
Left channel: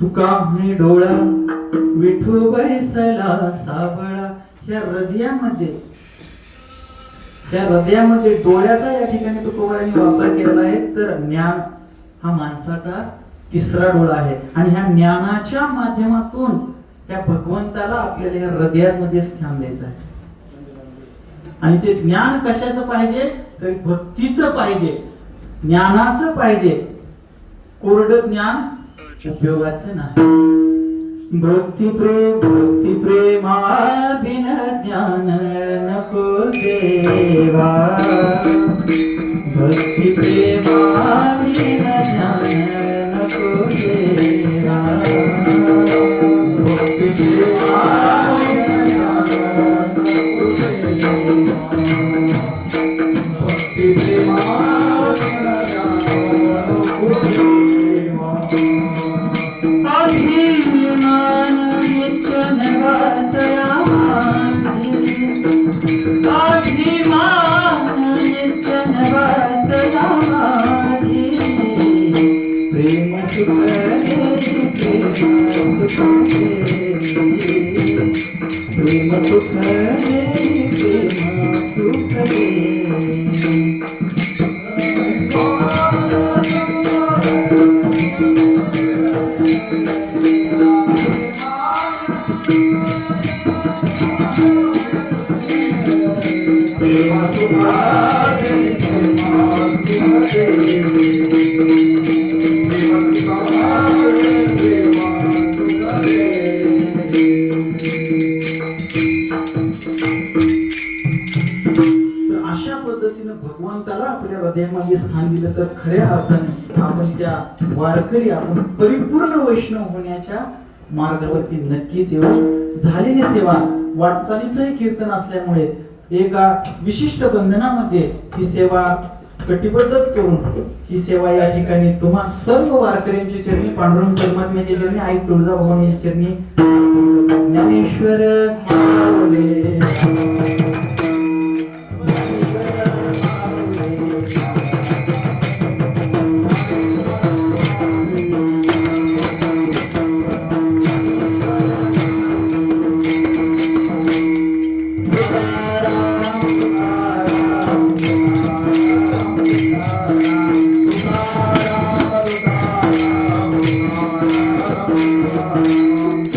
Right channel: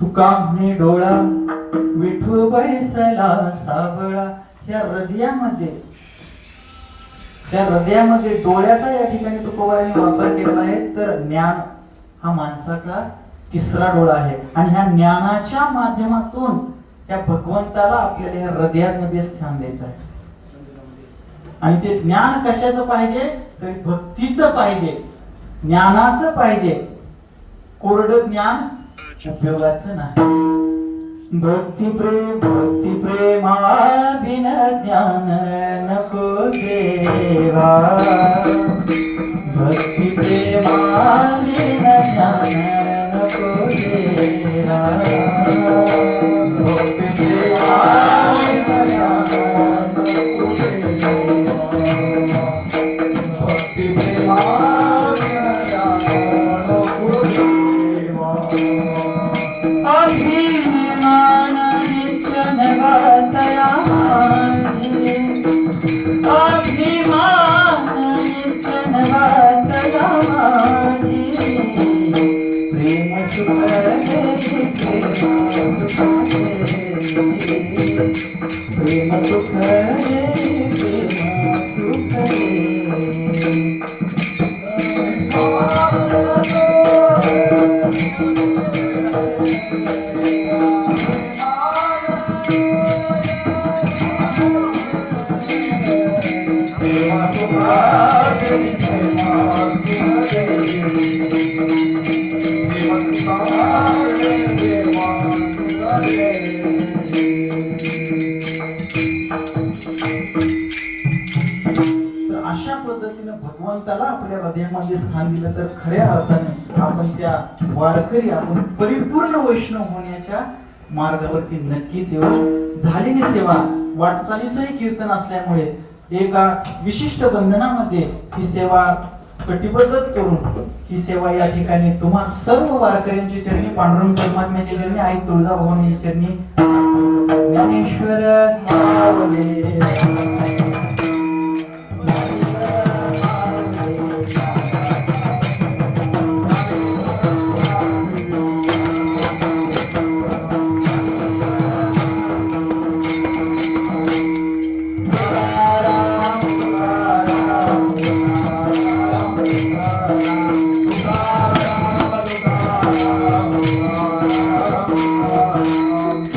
तुका म्हणे डोळा विठू बैसला साबळा. ह्या हृदयामध्ये डोळ्याचा या ठिकाणी तुकोबारांनी वापर केलेला आहे. तर ज्ञान हा माणसाचा तिसरा डोळा आहे आणि ह्या ज्ञानाच्या माध्यमातून त्या भगवंताला आपल्याला ह्या हृदयामध्ये स्थान द्यायचं आहे. आणि ते ज्ञान कशाचं पाहिजे तर भक्तीचं पाहिजे, ज्ञानाचं पाहिजे. कोरडं ज्ञान उपयोगाचं नाही. भक्ती प्रेमा बिन ज्ञान नको देवा, भक्ती प्रेमा बिन ज्ञान नको देवा, भक्ती प्रेमा बिन ज्ञान नको देवा, भक्ती प्रेमा बिन ज्ञान नको सुख देई प्रेमा सुख देई प्रेम सुख देई प्रेमा सुख देई प्रेमा सुखा दे प्रेमा सुखा दे प्रेमा सुखा दे प्रेमा सुखा दे तर अशा पद्धतीने भगवंताला आपल्या हृदयामध्ये स्थान दिलं तर खऱ्या अर्थाने आपण त्या वारकरी आपण परिपूर्ण वैष्णव होण्याच्या मार्गावरती नक्कीच येऊ. झालेली सेवा वाटचालीचंही कीर्तन असल्यामुळे एका विशिष्ट बंधनामध्ये ही सेवा कटिबद्ध करून ही सेवा या ठिकाणी तुम्हा सर्व वारकऱ्यांच्या चरणी पांडुरंग परमात्म्याच्या चरणी आई तुळजाभवानीच्या चरणी ज्ञानेश्वर माऊली